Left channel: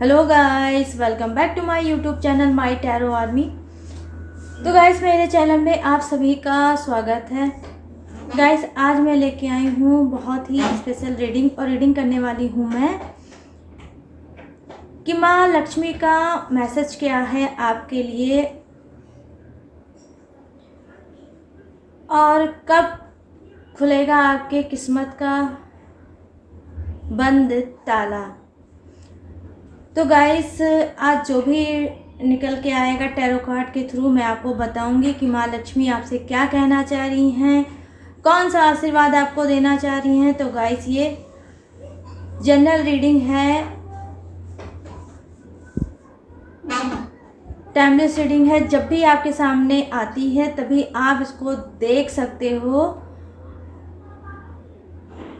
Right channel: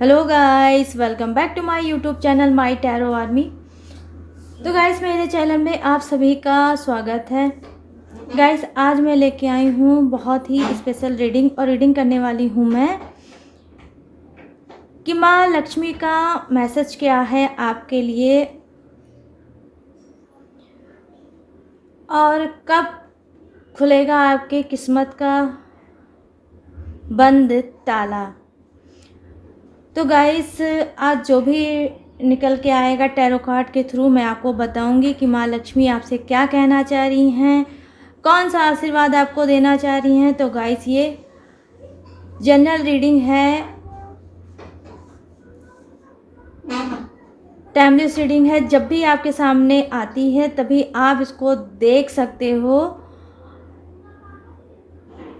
Hello guys, welcome back to my YouTube channel my tarot army. तो guys, मेरे channel में आप सभी का स्वागत है। गाइस, आज मैं लेके आई हूँ बहुत ही स्पेशल रीडिंग और रीडिंग करने वाली हूँ मैं कि माँ लक्ष्मी का मैसेज क्या है आपके लिए और कब खुलेगा आपके किस्मत का बंद ताला। तो गाइस, आज जो भी निकल के आएगा टैरो कार्ड के थ्रू मैं आपको बताऊंगी कि माँ लक्ष्मी आपसे क्या कहना चाह रही हैं, कौन सा आशीर्वाद आपको देना चाह रही हैं। तो गाइस, ये जनरल रीडिंग है, टाइमलेस रीडिंग है। जब भी आपके सामने आती है तभी आप इसको देख सकते हो।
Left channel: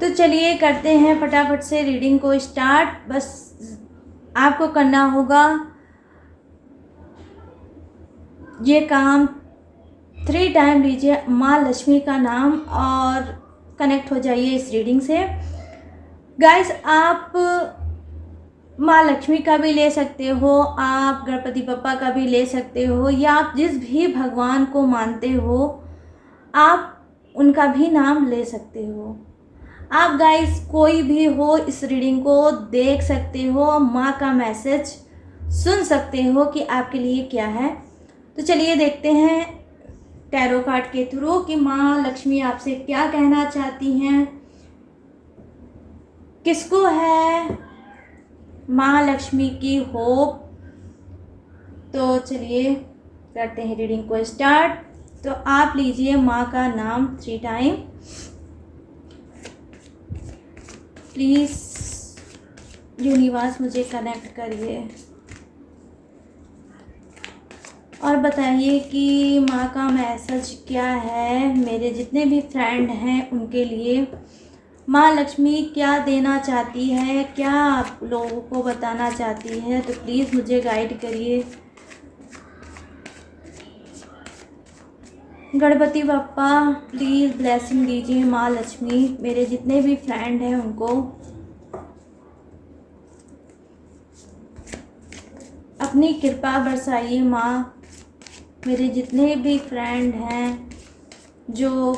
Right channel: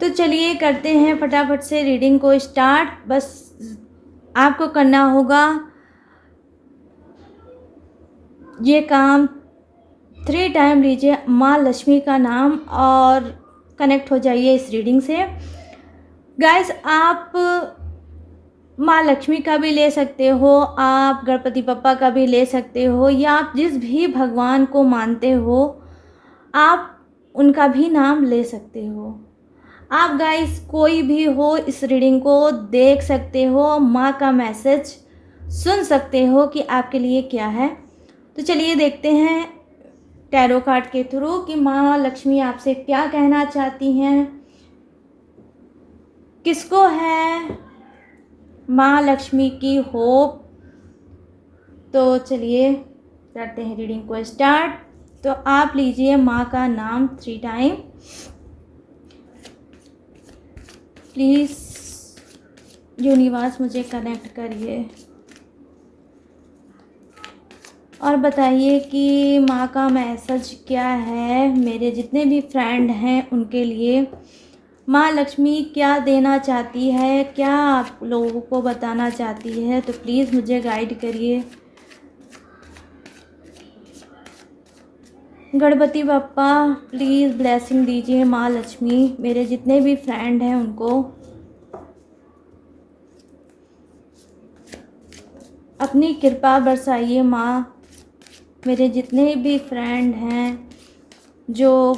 तो चलिए करते हैं फटाफट से रीडिंग को स्टार्ट। बस आपको करना होगा ये काम 3 टाइम लीजिए माँ लक्ष्मी का नाम और कनेक्ट हो जाइए इस रीडिंग से। गाइस, आप माँ लक्ष्मी का भी ले सकते हो, आप गणपति बप्पा का भी ले सकते हो, या आप जिस भी भगवान को मानते हो आप उनका भी नाम ले सकते हो। आप गाइस कोई भी हो इस रीडिंग को देख सकते हो, माँ का मैसेज सुन सकते हो कि आपके लिए क्या है। तो चलिए देखते हैं टैरो कार्ड के थ्रू कि माँ लक्ष्मी आपसे क्या कहना चाहती हैं, किसको है माँ लक्ष्मी की होप। तो चलिए करते हैं रीडिंग को स्टार्ट। तो आप लीजिए माँ का नाम 3 टाइम। प्लीज़ यूनिवर्स मुझे कनेक्ट करिए और बताइए कि माँ का मैसेज क्या है मेरे जितने भी फ्रेंड हैं उनके लिए। माँ लक्ष्मी क्या देना चाहती है, क्या आप लोगों को बताना चाहती है, तो प्लीज़ मुझे गाइड करिए। गणपति बप्पा प्लीज़ ब्लेसिंग दीजिए माँ लक्ष्मी, मेरे जितने भी फ्रेंड हैं उनको। अपनी कृपा बरसाइए माँ, मेरे जितने भी फ्रेंड हैं जो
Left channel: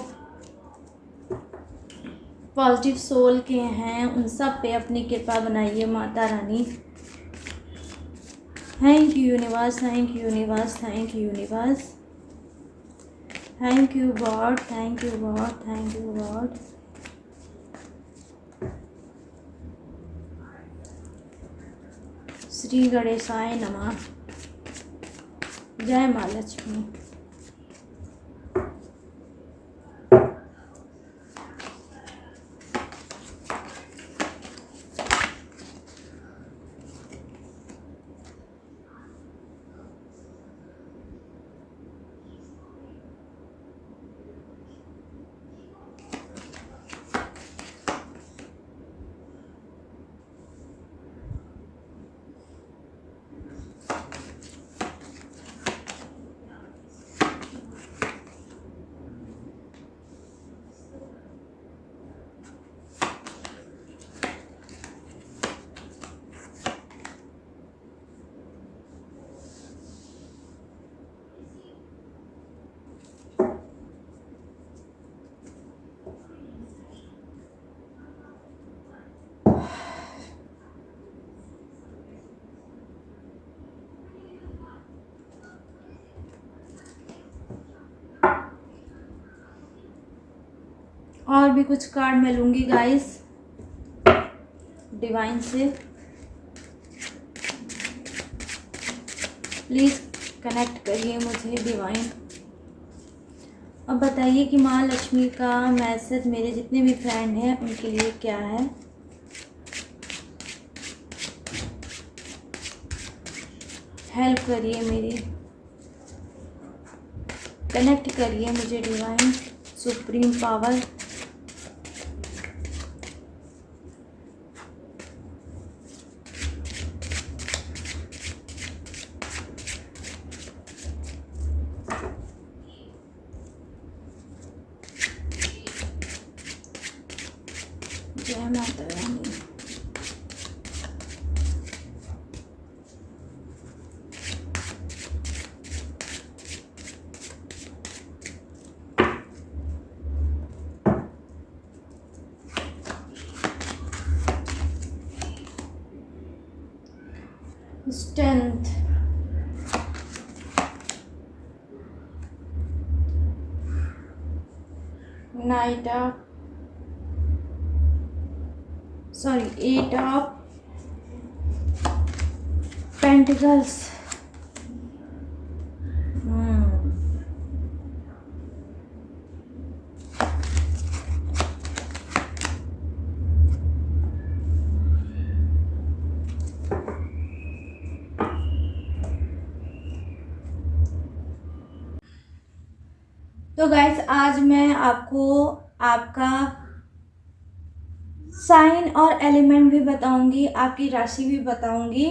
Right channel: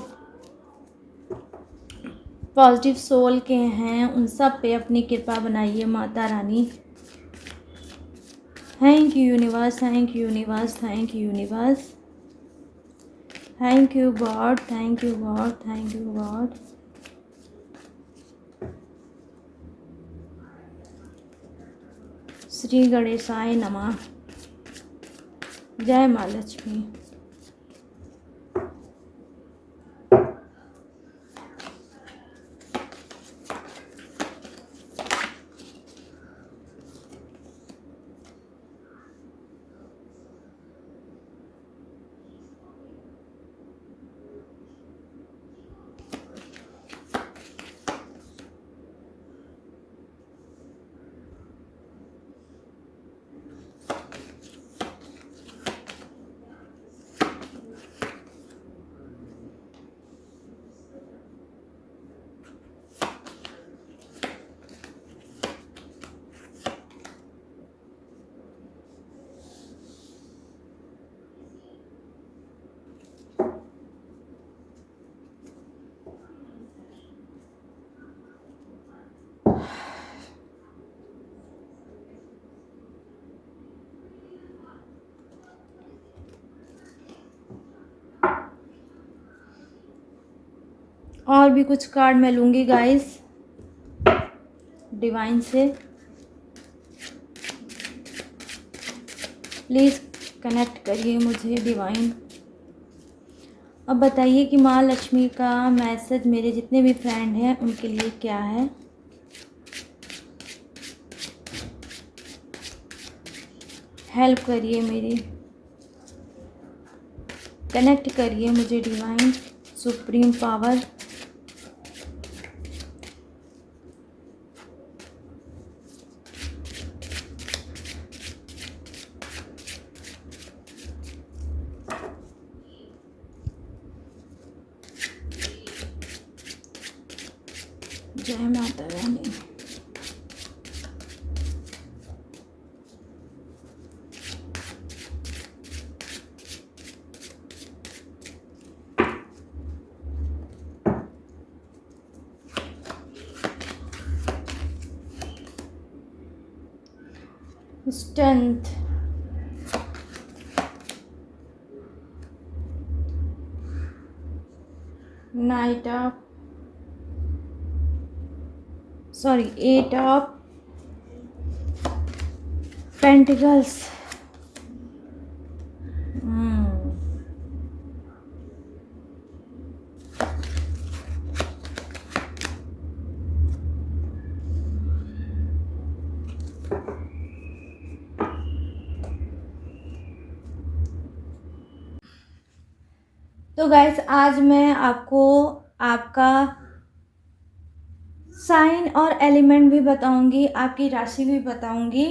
पॉजिटिव सोल के हैं उन सब पे अपनी कृपा बनाइए Mata Rani. Thank you universe, thank you universe, thank you universe, thank you God, thank you God, thank you God. Shri गणेशाय नमः। जय माँ लक्ष्मी। और भी कुछ कार्ड मैं लूँगी गाइस डिवाइन से। प्लीज़ कनेक्ट करिए मुझे डिवाइन। अब बताइए कि माँ लक्ष्मी का मैसेज मेरे जितने भी फ्रेंड हैं उनके लिए क्या है। हेल्प करिए मेरी, कनेक्ट करिए मुझे डिवाइन सुप्रीम पावर। जय Mata Rani. Strength, knight of, sorry, 8 of pentacles. तो गाइस, आज मैं आपको आपका साइन और एलिमेंट भी बताऊंगी, आपकी राशि भी बताऊंगी,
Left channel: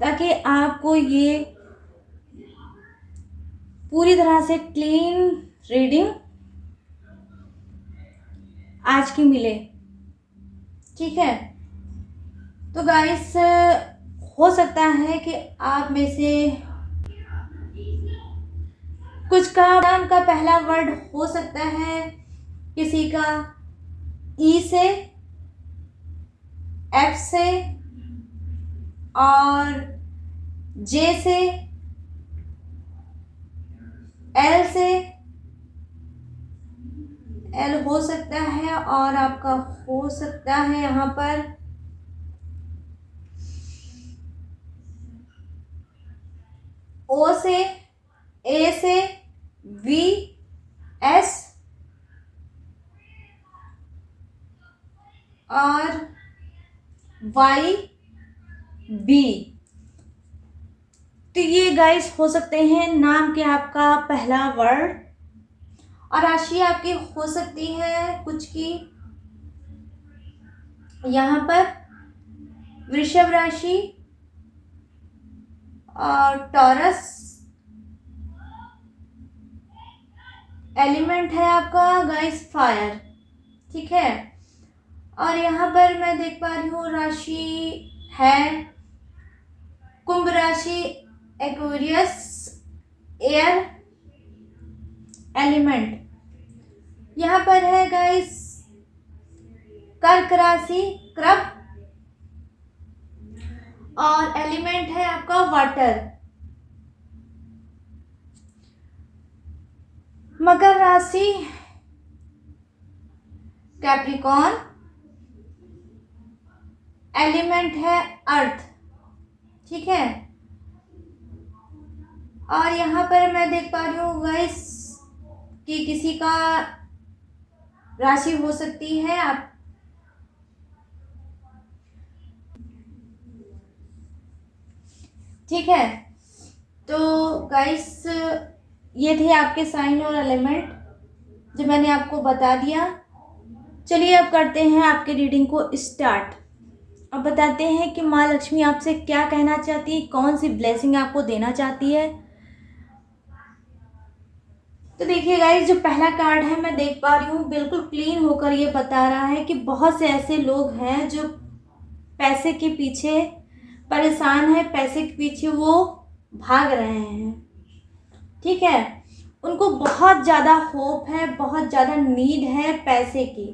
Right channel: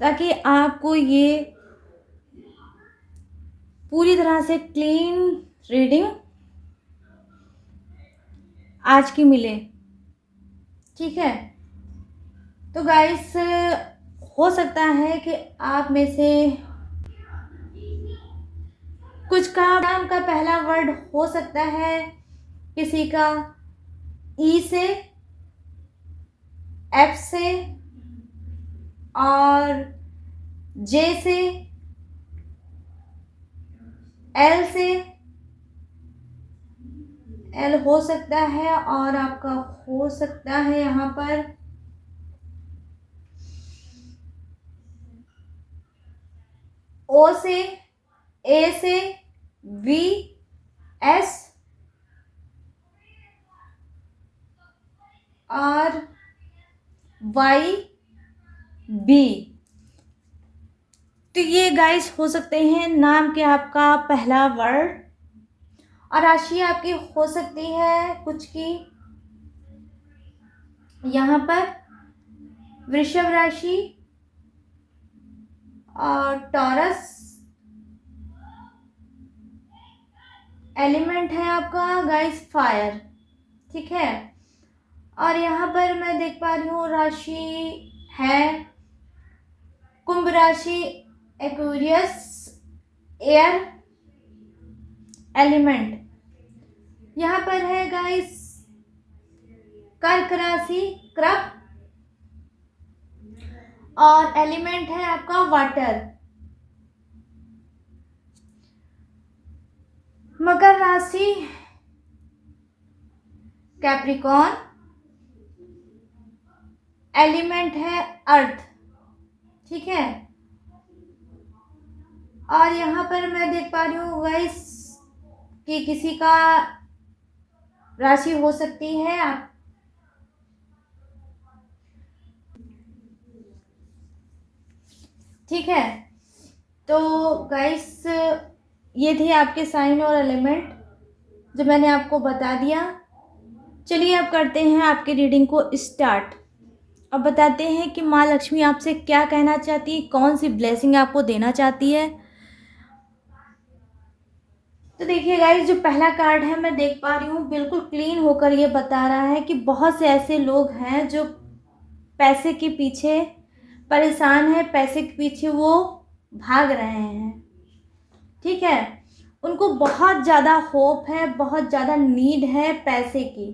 ताकि आपको ये पूरी तरह से क्लीन रीडिंग आज की मिले। ठीक है, तो गाइस, हो सकता है कि आप में से कुछ का नाम का पहला वर्ड हो सकता है किसी का ई से, एफ से और जे से, एल से, एल हो सकता है, और आपका हो सकता है यहाँ पर ओ से, ए से, वी, एस और वाई, बी। तो ये गाइस हो सकते हैं नाम के आपका पहला वर्ड, और राशि आपकी हो सकती है कुछ की यहाँ पर वृषभ राशि और टॉरस। एलिमेंट है आपका गाइस फायर। ठीक है, और यहाँ पर मैं देख पा रही हूँ राशि है कुंभ राशि, एक्वेरियस, एयर एलिमेंट। यहाँ पर है गाइस कर्क राशि, क्रब, और एलिमेंट है आपका वाटर। मकर राशि, कैप्रिकॉर्न, एलिमेंट है अर्थ। ठीक है, और यहाँ पर मैं देख पा रही हूँ गाइस कि किसी का राशि हो सकती है आप, ठीक है। तो गाइस, ये थे आपके साइन और एलिमेंट जो मैंने आपको बता दिया। चलिए अब करते हैं आपकी रीडिंग को स्टार्ट। अब बताते हैं कि माँ लक्ष्मी आपसे क्या कहना चाहती है, कौन सी ब्लेसिंग आपको देना चाहती है। तो देखिए गाइस, जो पहला कार्ड है मैं देख पा रही हूँ बिल्कुल क्लीन होकर ये बता रहा है कि बहुत से ऐसे लोग हैं जो पैसे के पीछे परेशान है, पैसे के पीछे वो भाग रहे हैं। ठीक है, उनको बहुत ज़्यादा होप है, बहुत ज़्यादा नीड है पैसे की।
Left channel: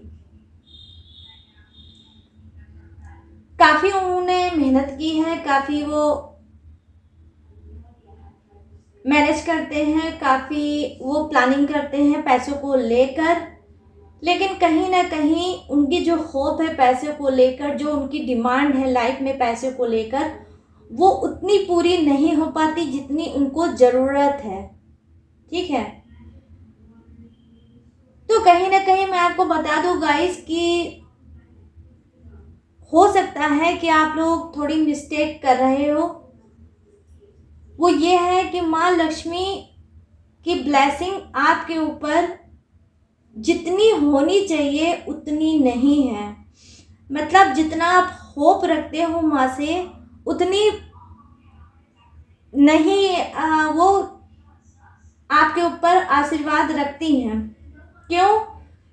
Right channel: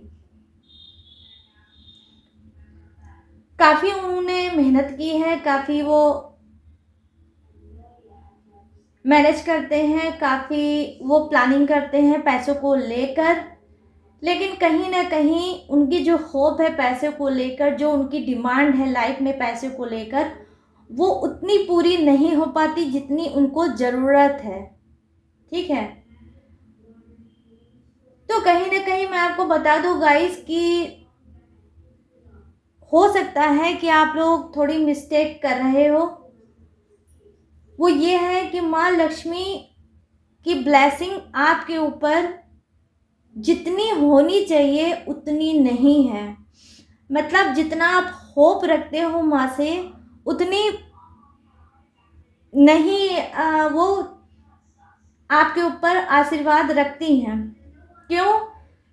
काफ़ी उन्होंने मेहनत की है, काफ़ी वो मैनेज करते हैं, काफ़ी वो प्लानिंग करते हैं पैसों को लेकर, लेकिन कहीं ना कहीं उनकी जो होप है पैसे को लेकर, जो उनकी डिमांड है लाइफ में पैसे को लेकर, वो उतनी पूरी नहीं हो पाती जितनी उनको ज़रूरत है। ठीक है, तो कहीं ना कहीं मैं आपको बता दूं गाइस कि हो सकता है कि आप लोग थोड़ी मिस्टेक कर रहे हो। वो ये है कि माँ लक्ष्मी की ब्लेसिंग आपके ऊपर जितनी होनी चाहिए उतनी नहीं है। मतलब जितना आप होप रखते हो माँ से उतनी नहीं वो आपके ऊपर आशीर्वाद रखती हैं। क्यों?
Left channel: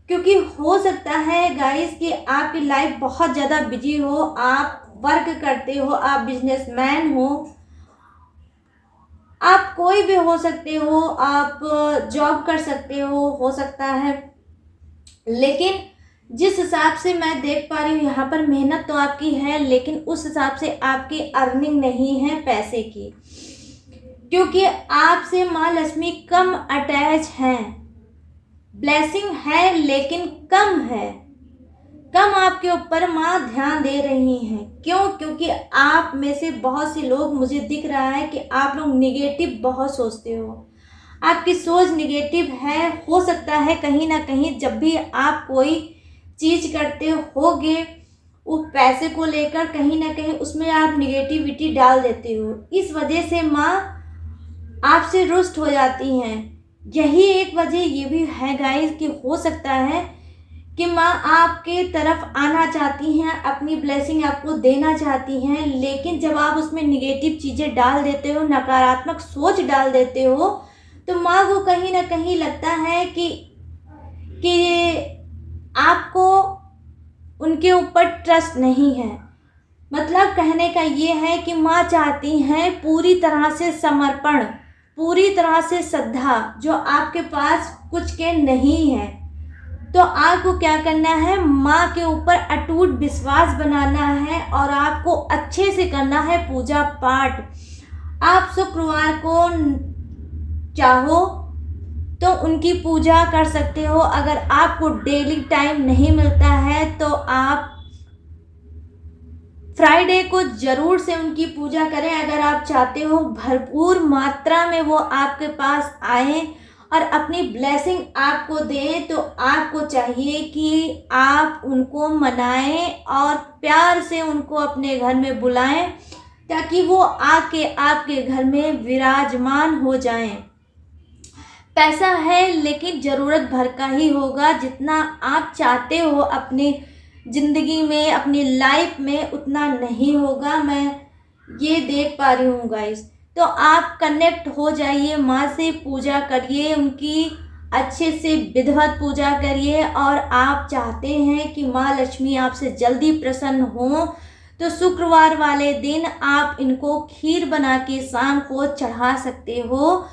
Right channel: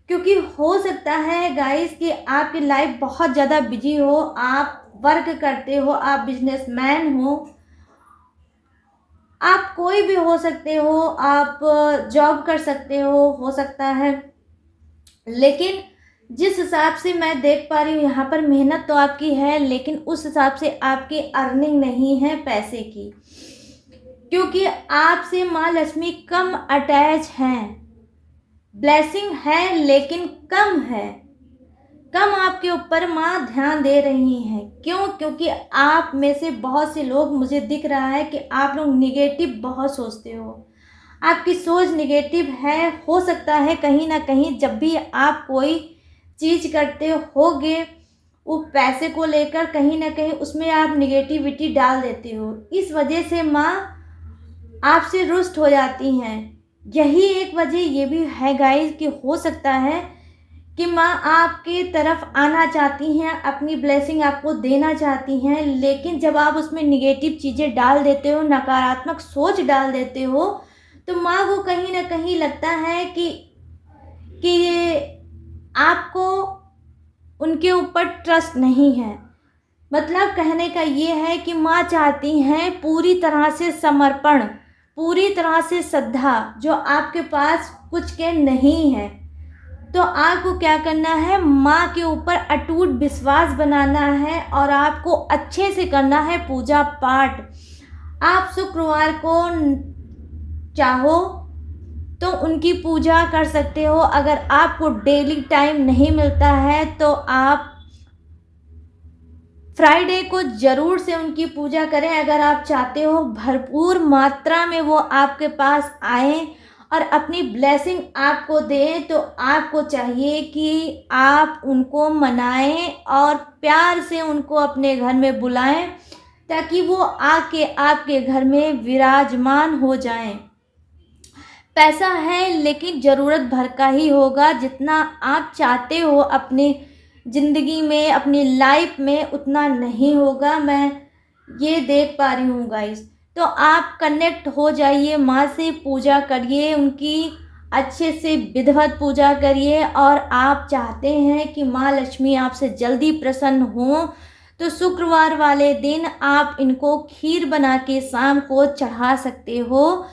क्योंकि हो सकता है गाइस कि आपकी लाइफ बहुत ज़्यादा बिजी हो, आप वर्क करते हो, आप बिजनेसमैन हो, आप कोई भी हो सकते हो, आप जॉब कर सकते हो सकता है, लेकिन जिस हिसाब से मैं देख पा रही हूँ यहाँ पर मेहनत तो आपकी है, लेकिन उस हिसाब से आपकी अर्निंग नहीं है पैसे की, क्योंकि आपसे माँ लक्ष्मी कम अटैच हैं। ब्लेसिंग है लेकिन कम है, कम आपके ऊपर माँ ध्यान दे रही हैं। क्यों? क्योंकि आप में से बहुत से लोग, मुझे दिख रहा है कि आप लोग निगेटिव बहुत सोचते हो, आपकी सोच निगेटिव है। हो सकता है कहीं ना कहीं जब भी आप कोई चीज़ करते होगे वो पैसे को लेकर, कहीं ना कहीं उसमें आप निगेटिविटी डाल देते हो। इस वजह से माँ आपसे रुष्ट हो जाती हैं। यही एक वजह ये भी है गाइस कि हो सकता है कि माँ आपके तरफ आना चाहती हैं, अपनी ब्लेसिंग आपको देना चाहती हैं, लेकिन जब आप उसमें निगेटिव चीज़ें डाल देते हो, नकारात्मक सोच डाल देते हो, तो माँ को कहीं ना कहीं लगता है कि आपको उनके ऊपर ट्रस्ट नहीं है। मतलब कहने का ये है कि माँ चाहती हैं पूरी तरह से समर्पण, पूरी तरह से श्रद्धा, जो आपके पास कुछ के नहीं है। तो आपको क्या करना है, माँ के ऊपर अटूट विश्वास बनाना है और आपको अच्छे से करना है पूजा पाठ। आप शुक्रवार को चाहो तो उनकी पूजा कर सकते हो। अगर आपको डेली टाइम नहीं मिलता है तो आप फ्राइडे को ज़रूर से उनकी पूजा करें। अगर आप चाहते हो भरपूर मात्रा में वो आपके पास आए और अपनी ब्लेसिंग आपको दें, तो आपको चाहिए कि आप उनको मनाएं और प्यार से उनको अपने घर में बुलाएं, ताकि वो आके आपके घर में विराजमान हो जाएं। पैसा है लेकिन ज़रूरत भर का ही होगा। जितना आप चाहते हो अपने ज़िंदगी में, अपनी लाइफ में, उतना नहीं होगा। मैं ये देख पा रही हूँ गाइस। तो आप कनेक्ट हो जाइए माँ से, पूजा करिए, उनकी अच्छे से विधिवत पूजा करिए। और आप चाहते हैं कि माँ लक्ष्मी आपसे जल्दी प्रसन्न हो, तो शुक्रवार वाले दिन आप इनको खीर बना के शाम को चढ़ा सकते हो।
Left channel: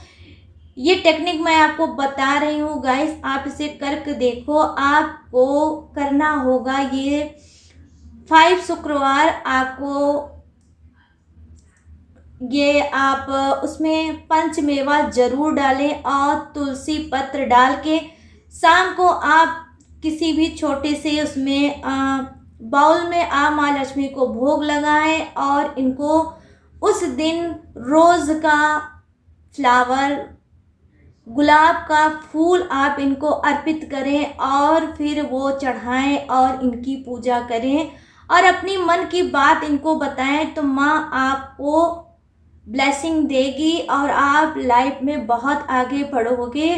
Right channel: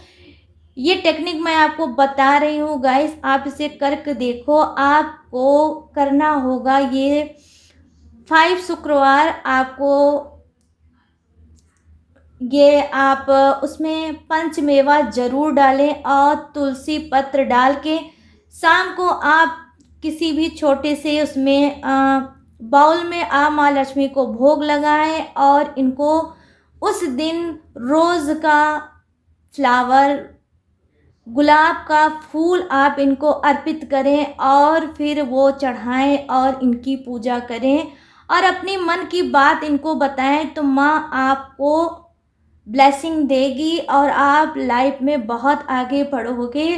ये टेक्निक मैं आपको बता रही हूँ गाइस, आप इसे करके देखो। आपको करना होगा ये 5 शुक्रवार, आपको ये आप उसमें पंचमेवा ज़रूर डालें और तुलसी पत्र डाल के शाम को आप किसी भी छोटे से उसमें बाउल में आप माँ लक्ष्मी को भोग लगाएं और इनको उस दिन रोज़ का फ्लावर, गुलाब का फूल आप इनको अर्पित करें और फिर वो चढ़ाएं और इनकी पूजा करें और अपनी मन की बात इनको बताएं। तो माँ आपको ब्लेसिंग देगी और आप लाइफ में बहुत आगे बढ़ोगे।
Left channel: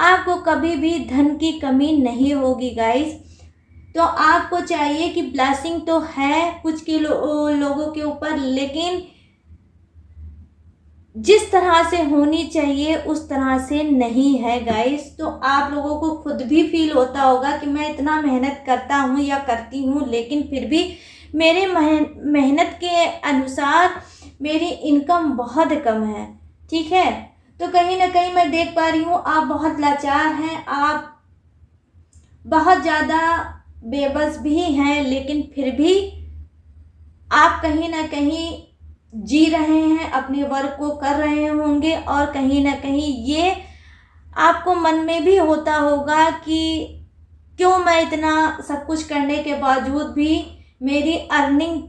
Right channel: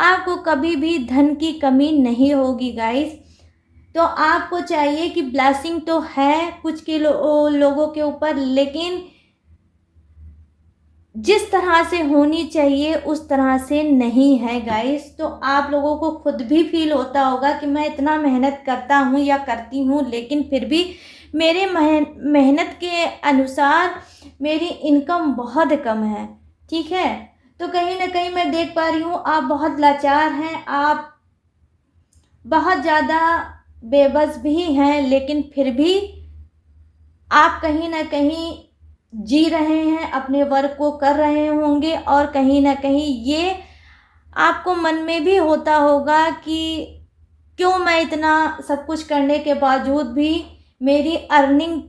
आपको कभी भी धन की कमी नहीं होगी गाइस। तो आपको चाहिए कि ब्लेसिंग तो है कुछ के लोगों के ऊपर, लेकिन जिस तरह से होनी चाहिए उस तरह से नहीं है गाइस। तो आप लोगों को खुद भी फील होता होगा कि मैं इतना मेहनत करता हूँ या करती हूँ, लेकिन फिर भी मेरी मेहनत के अनुसार मेरी इनकम बहुत कम है। ठीक है, तो कहीं ना कहीं मैं देख पा रही हूँ आप बहुत लाचार हैं, आप बहुत ज़्यादा बेबस भी हैं, लेकिन फिर भी आप कहीं ना कहीं जी रहे हैं, अपने वर्क को कर रहे होंगे और कहीं ना कहीं ये आपको मन में भी होता होगा कि क्यों मैं इतना सब कुछ करने के बावजूद भी मेरी अर्निंग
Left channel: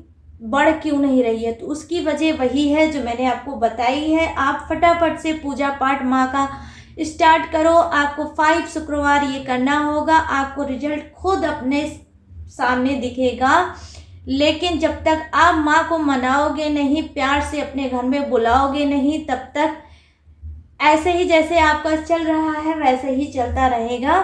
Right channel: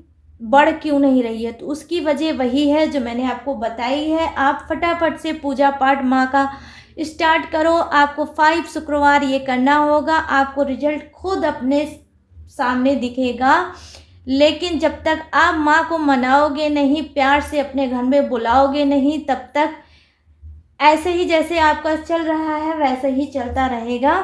बढ़ क्यों नहीं रही है। तो उसकी वजह वही है जो मैंने आपको बताई है। आप फटाफट से पूजा पाठ माँ का स्टार्ट करो। आपको 5 शुक्रवार ये करना होगा, आपको रिजल्ट खुद अपने सामने दिखेगा। लेकिन जब तक आप माँ को मनाओगे नहीं, प्यार से अपने घर में बुलाओगे नहीं, तब तक ऐसे ही जैसे आपका चल रहा है वैसे ही चलता रहेगा।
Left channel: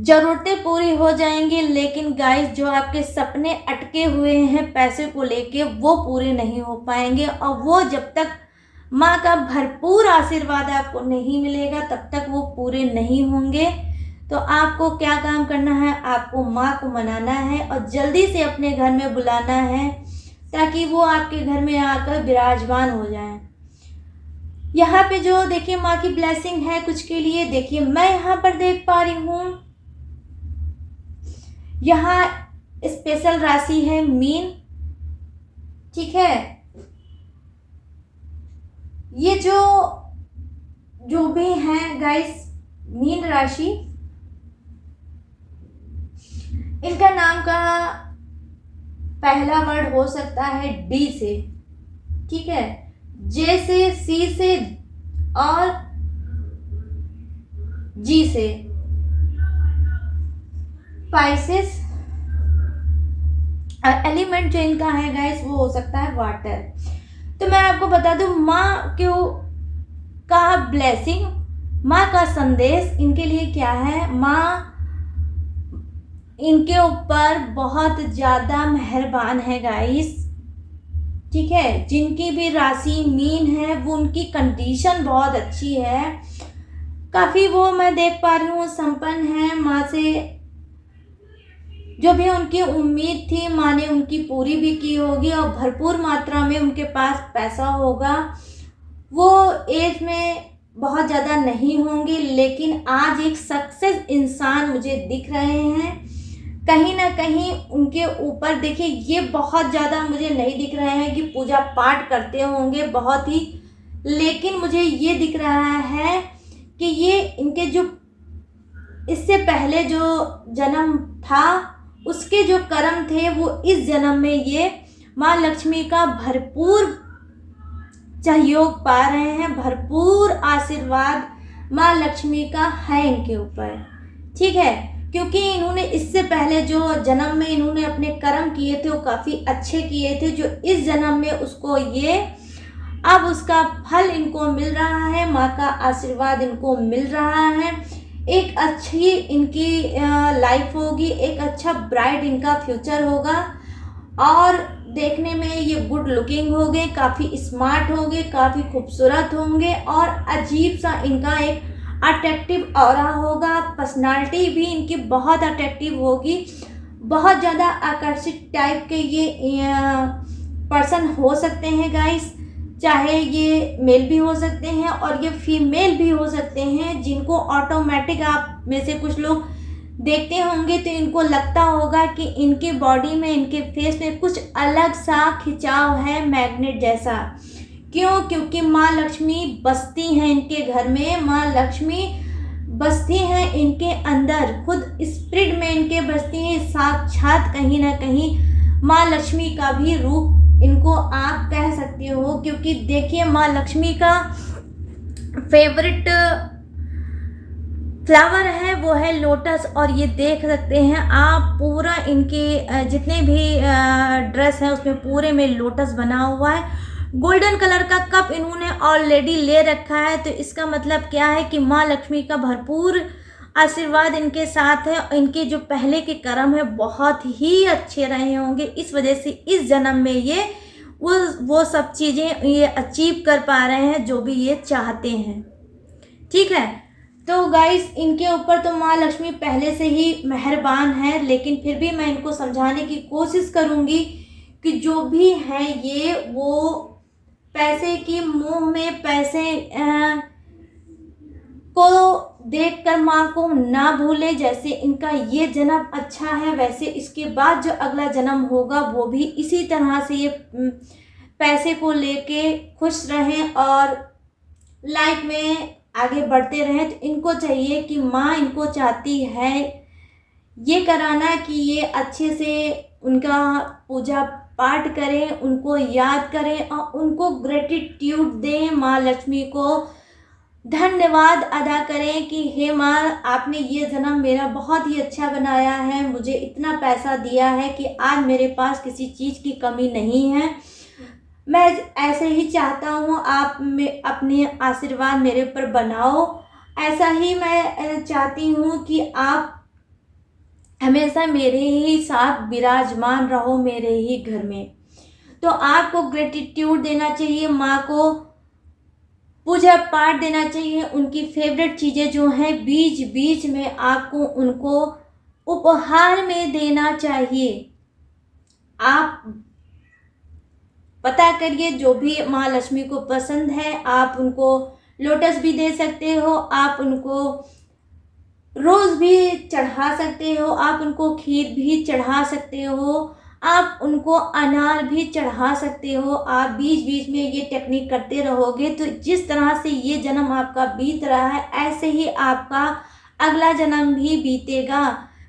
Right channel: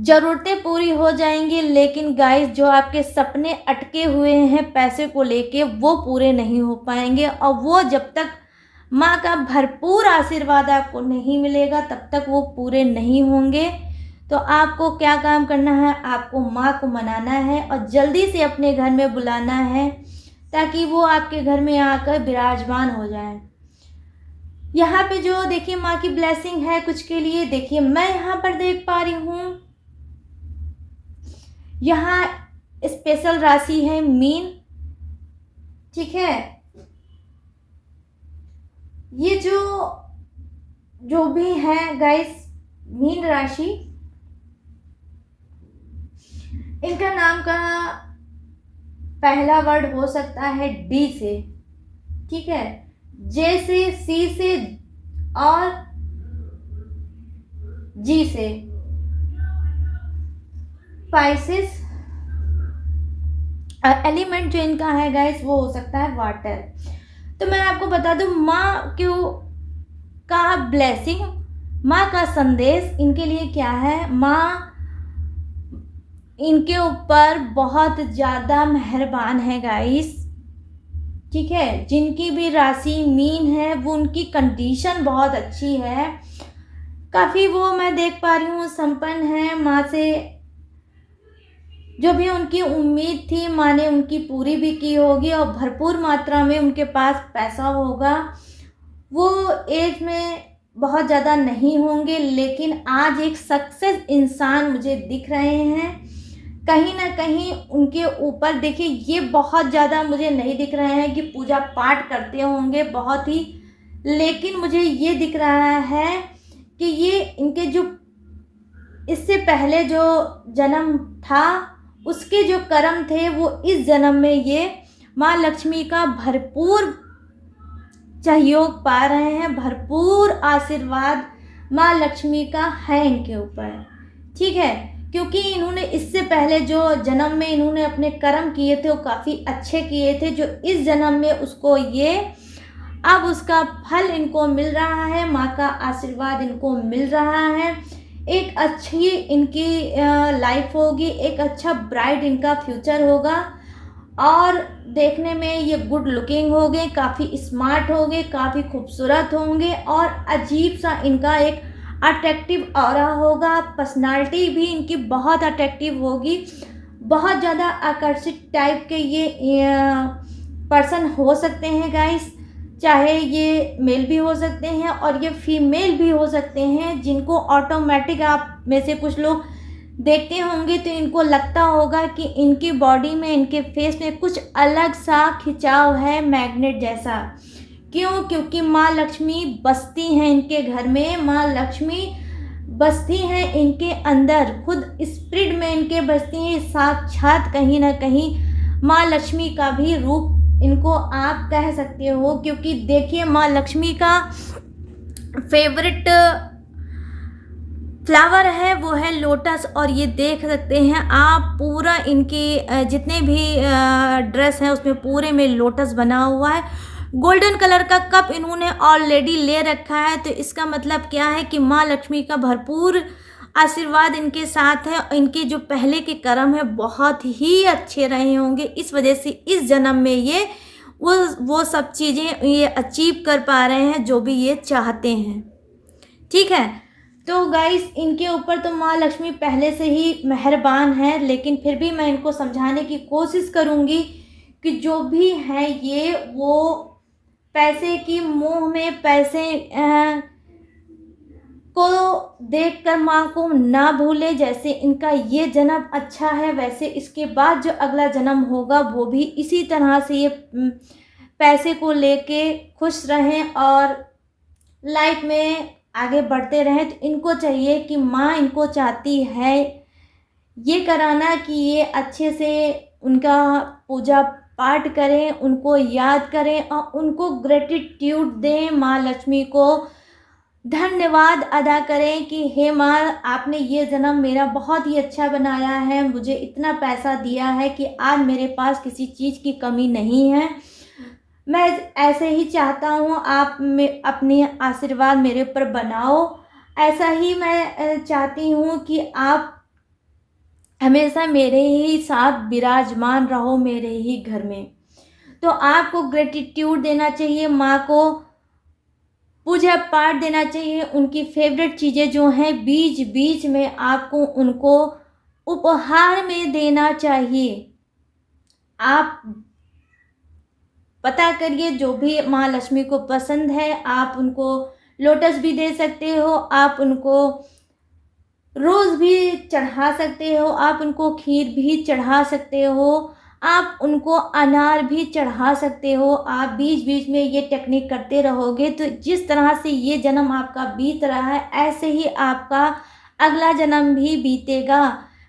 ज़रूरतें पूरी हो जाएंगी, लेकिन गाइस जो आपके सपने अटके हुए हैं पैसे को लेके वो पूरे नहीं हो पाएंगे। और वो जब तक माँ का भरपूर आशीर्वाद आपको नहीं मिलेगा तब तक वो पूरे नहीं होंगे। तो आपको क्या काम करना है, आपको माँ को मनाना है और जल्दी से अपने घर में बुलाना है ताकि वो आपके घर में आकर विराजमान हो जाए। यहाँ पे जो देखिए माँ की ब्लेसिंग है कुछ के लिए। देखिए मैं यहाँ पर देख पा रही हूँ यहाँ स्पेशल राशि है मीन। ठीक है, ये जो भी हैं गाइस मीन राशि, इनका नाम का पहला वर्ड हो सकता है डी से। ठीक है, जे से, सी से और जी से। स्पाइसेस एलिमेंट जो इनका है गाइस वो हो सकता है वाटर। तो मैं आपको बता दूं माँ क्यों का ब्लेसिंग, माँ का संदेश इनके लिए क्या है। माँ इनके ऊपर बहुत ज़्यादा मेहरबान है गाइस। ठीक है, जिनकी भी राशि मीन है वो उनकी कंडीशन बहुत अच्छी है, काफ़ी वो मैं देख पा रही हूँ संपन्न है। माँ से जो भी उनकी उम्मीद थी माँ ने उनकी पूरी भी की होगी और भरपूर मात्रा में उनके पास पैसा होगा। वो एज में बहुत ज़्यादा नहीं होंगे, लेकिन आज एक सक्सेस इंसान मुझे दिख रहे हैं। कहीं ना कहीं उनके ऊपर देखिए, ये बहुत ज़्यादा मुझे नहीं दिख रहे हैं कि पूजा पाठ करते होंगे बहुत ही, लेकिन मुझे ये दिख रहा है कि ये इनके जो इससे पहले जो जन्म था उसके जो कर्म थे वो इस जन्म में ये माँ लक्ष्मी का भरपूर सहयोग पा रहे हैं, भरपूर आशीर्वाद माँ लक्ष्मी का है इनके ऊपर। ठीक है, क्योंकि इन्होंने इससे पहले जो जन्म में इन्होंने अपने कर्म किए थे वो काफ़ी अच्छे किए थे, जो इस जन्म में उसको ये अब उसका फल इनको मिल रहा है, माँ का आशीर्वाद इनको मिल रहा है। एक अच्छी इनकी लाइफ होगी, एक अच्छा ब्राइट इनका फ्यूचर होगा और देखने में ये गुड लुकिंग होंगे, काफ़ी स्मार्ट होंगे, काफ़ी खूबसूरत होंगे और अजीब सा इनका एक अट्रैक्टिव ऑरा होगा। पर्सनालिटी भी इनकी बहुत अट्रैक्टिव होगी, बहुत ज़्यादा आकर्षित टाइप के ये पर्सन हो सकते हैं गाइस। चाहे ये मेल भी हो सकते हैं और ये फीमेल भी हो सकते हैं, जिनको ऑटोमेटिक आप में से कुछ लोग देखते होंगे तो इनको लगता होगा कि इनकी बॉडी में, इनके फेस में कुछ अलग सा खिंचाव है मैग्नेट जैसा। क्यों? क्योंकि माँ लक्ष्मी बसती हैं इनके घर में, माँ लक्ष्मी बसती हैं इनके अंदर, खुद स्पिरिट में इनके बसती हैं। साक्षात कहीं ना कहीं माँ लक्ष्मी का भी रूप इनको आप कह सकते हो, क्योंकि देखिए माँ लक्ष्मी का फेवरेट फ्लावर है वो है लोटस। और ये देख सकते हैं आप पूरा इनकी जितने भी ड्रेस हैं उसमें पूरे में लोटस बना हुआ है। गोल्डन कलर का कप इन्होंने ऑलरेडी ले रखा है, तो इसका मतलब क्या है कि माँ लक्ष्मी का भरपूर आशीर्वाद इनके साथ है। इनके जो पहले के कर्म है बहुत ही अच्छे रहे होंगे, इस वजह से इस जन्म में ये वो सब चीज़ें ये अचीव कर पा रहे हैं जो भी ये चाहते हैं। ठीक है, तो गाइस इनके ऊपर तो माँ लक्ष्मी पहले से ही मेहरबान है, लेकिन फिर भी मैं इनको समझाने की कोशिश करूँगी कि जो भी हैं ये वो पैसे की मोह में, पैसे को देखकर माँ को ना भूले। जैसे इनका ये जन्म अच्छा है, वैसे इसके बाद जो अगला जन्म होगा वो भी इसी तरह से ये पैसे को लेके खुश रहें और लाइफ में आगे बढ़ते रहें। तो इनको चाहिए कि माँ इनको चाहती है ये कराना कि ये अच्छे से उनका पूजा पाठ करें, उनको याद करें और उनको ग्रेटिट्यूड दें, माँ लक्ष्मी को धन्यवाद अदा करें कि हे माँ आपने ये जन्म मेरा बहुत ही अच्छा बनाया है, मुझे इतना पैसा दिया है कि आज मेरे पास किसी चीज़ की कमी नहीं है। मैं ऐसे ही चाहता हूँ आप में अपने आशीर्वाद मेरे ऊपर बनाओ। ऐसा ही मैं चाहती हूँ कि आप हमेशा मेरे ही साथ विराजमान रहो मेरे ही घर में। तो आपको ग्रेटिट्यूड देना चाहिए, माँ को पूजा पाठ देना चाहिए, उनकी फेवरेट चीज़ें जो हैं बीच बीच में आपको उनको उपहार में देना चाहिए। आप पता करिए जो भी माँ लक्ष्मी को पसंद है, आप उनको लोटस भी दे सकते हो, आप उनको रोज़ भी चढ़ा सकते हो, आप उनको खीर भी चढ़ा सकते हो, आप उनको अनार भी चढ़ा सकते हो। आप बीच बीच में ये टेक्निक करते रहोगे तो जिस तरह से ये जन्म आपका बीत रहा है ऐसे ही आपका अगला जन्म भी बीतेगा।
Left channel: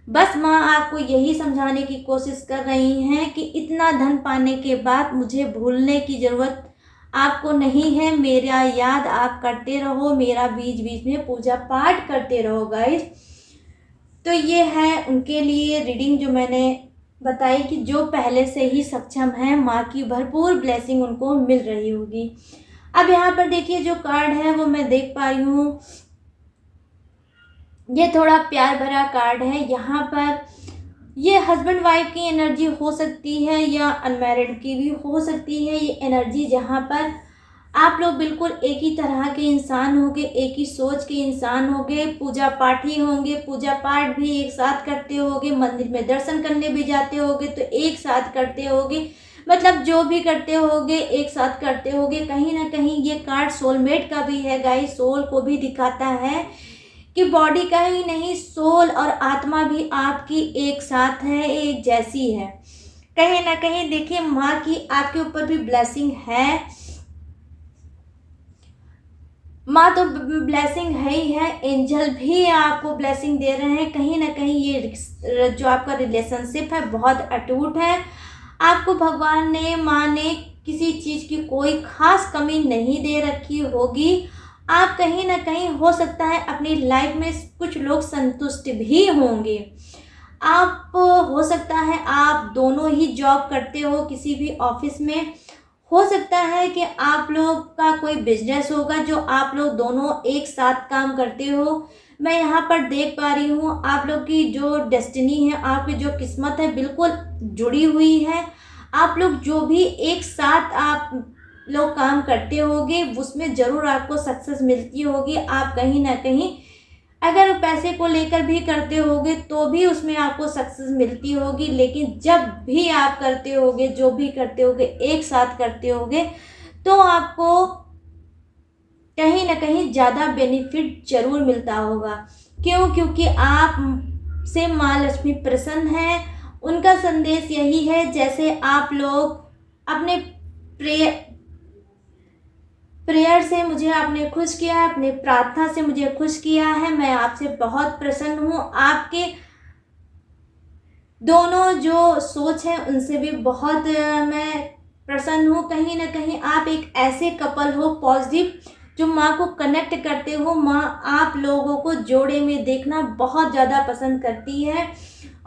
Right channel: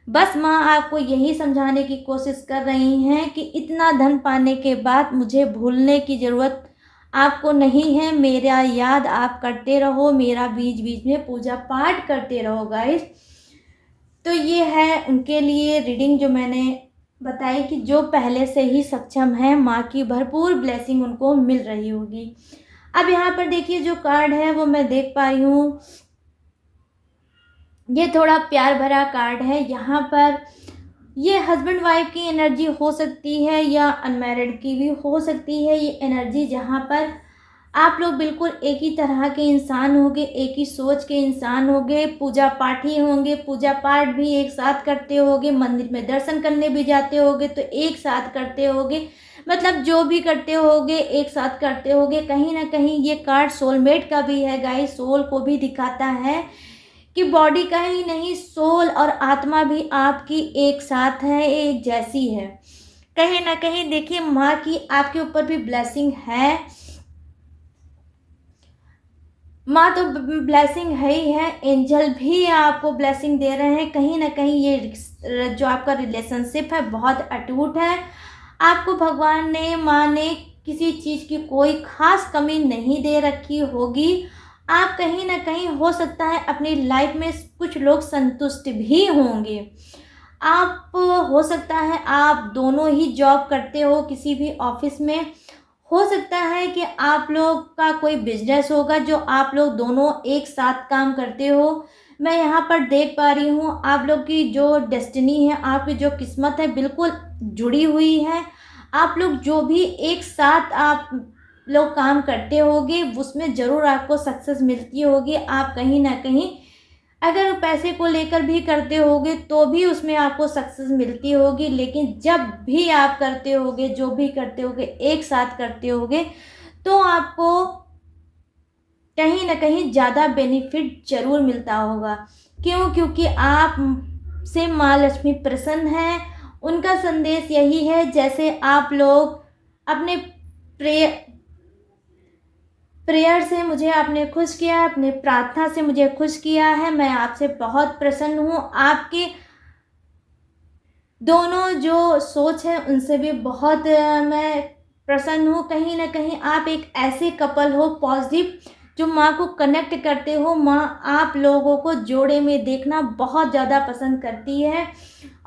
बस माँ आपको यही समझाने की कोशिश कर रही हैं कि इतना धन पाने के बाद मुझे भूलने की ज़रूरत आपको नहीं है। मेरा याद आप करते रहो, मेरा बीच बीच में पूजा पाठ करते रहो गाइस। तो ये है उनके लिए रीडिंग जो मैंने बताई कि जो पहले से ही सक्षम है, माँ की भरपूर ब्लेसिंग उनको मिल रही होगी। अब यहाँ पर देखिए जो कार्ड है वो मैं देख पाई हूँ, ये थोड़ा प्यार भरा कार्ड है। यहाँ पर ये हस्बैंड वाइफ की एनर्जी हो सकती है या अनमैरिड की भी हो सकती है ये एनर्जी, जहाँ पर आप लोग बिल्कुल एक ही तरह के इंसान होंगे, एक ही सोच के इंसान होंगे, पूजा पाठी होंगे, पूजा पाठ भी एक साथ करते होंगे, मंदिर में दर्शन करने भी जाते होंगे तो एक साथ करते होंगे, मतलब जो भी करते होंगे एक साथ करते होंगे। कहीं ना कहीं ये कार्ड सोलमेट का भी है गाइस, सोल को भी दिखाता है कि बॉडी का ही नहीं, सोल और आत्मा भी आपकी एक साथ है, एक जैसी है। कहीं ना कहीं देखिए माँ की आपके ऊपर भी ब्लेसिंग है, माँ तो ब्लेसिंग है ही है, एंजल भी आपको ब्लेसिंग दे रहे हैं। कहीं ना कहीं ये जो आपका रिलेशनशिप है बहुत अटूट है। आपको भगवान ने, माँ ने किसी चीज़ की कोई खास कमी नहीं दे रखी होगी। आप कहीं ना कहीं हो सकता है अपनी लाइफ में कुछ लोग संतुष्ट भी होंगे। आप हो सकता है आप दोनों ही जॉब करते हो किसी भी ऑफिस में, हो सकता है कि आप लोग का कोई बिजनेस होगा जो आप लोग दोनों एक साथ काम करते हो। मैं यहाँ पर देख पा रही हूँ आप लोग की जो डेस्टिनी है, आपकी जो किस्मत है बिल्कुल जुड़ी हुई है। आप लोग जो भी एक साथ आप लोग काम करते होगे उसमें ज़रूर आपको सक्सेस मिलती होगी। आप कहीं ना कहीं अगर पैसे को लेकर भी करते होगे तो भी उसमें आपको सक्सेस मिलती होगी, लेकिन जब भी आप करते होगे, जो भी करते होगे एक साथ करते होगे तो आपको कहीं ना कहीं ज़्यादा बेनिफिट जरूर मिलता होगा। क्यों? क्योंकि आप से माँ लक्ष्मी प्रसन्न है। उनका संदेश यही है, जैसे आप लोग अपने प्रेयर से मुझे आपने खुश किया, अपने प्रार्थना से मुझे खुश किया है, मैं आपसे बहुत प्रसन्न हूँ। आपके दोनों जो सोच है उनसे भी बहुत मैं प्रसन्न हूँ। कहीं ना कहीं आप एक ऐसे कपल हो पॉजिटिव, जो माँ को कनेक्ट करते हो। माँ आप लोगों को जोड़े में देखना बहुत ज़्यादा पसंद करती है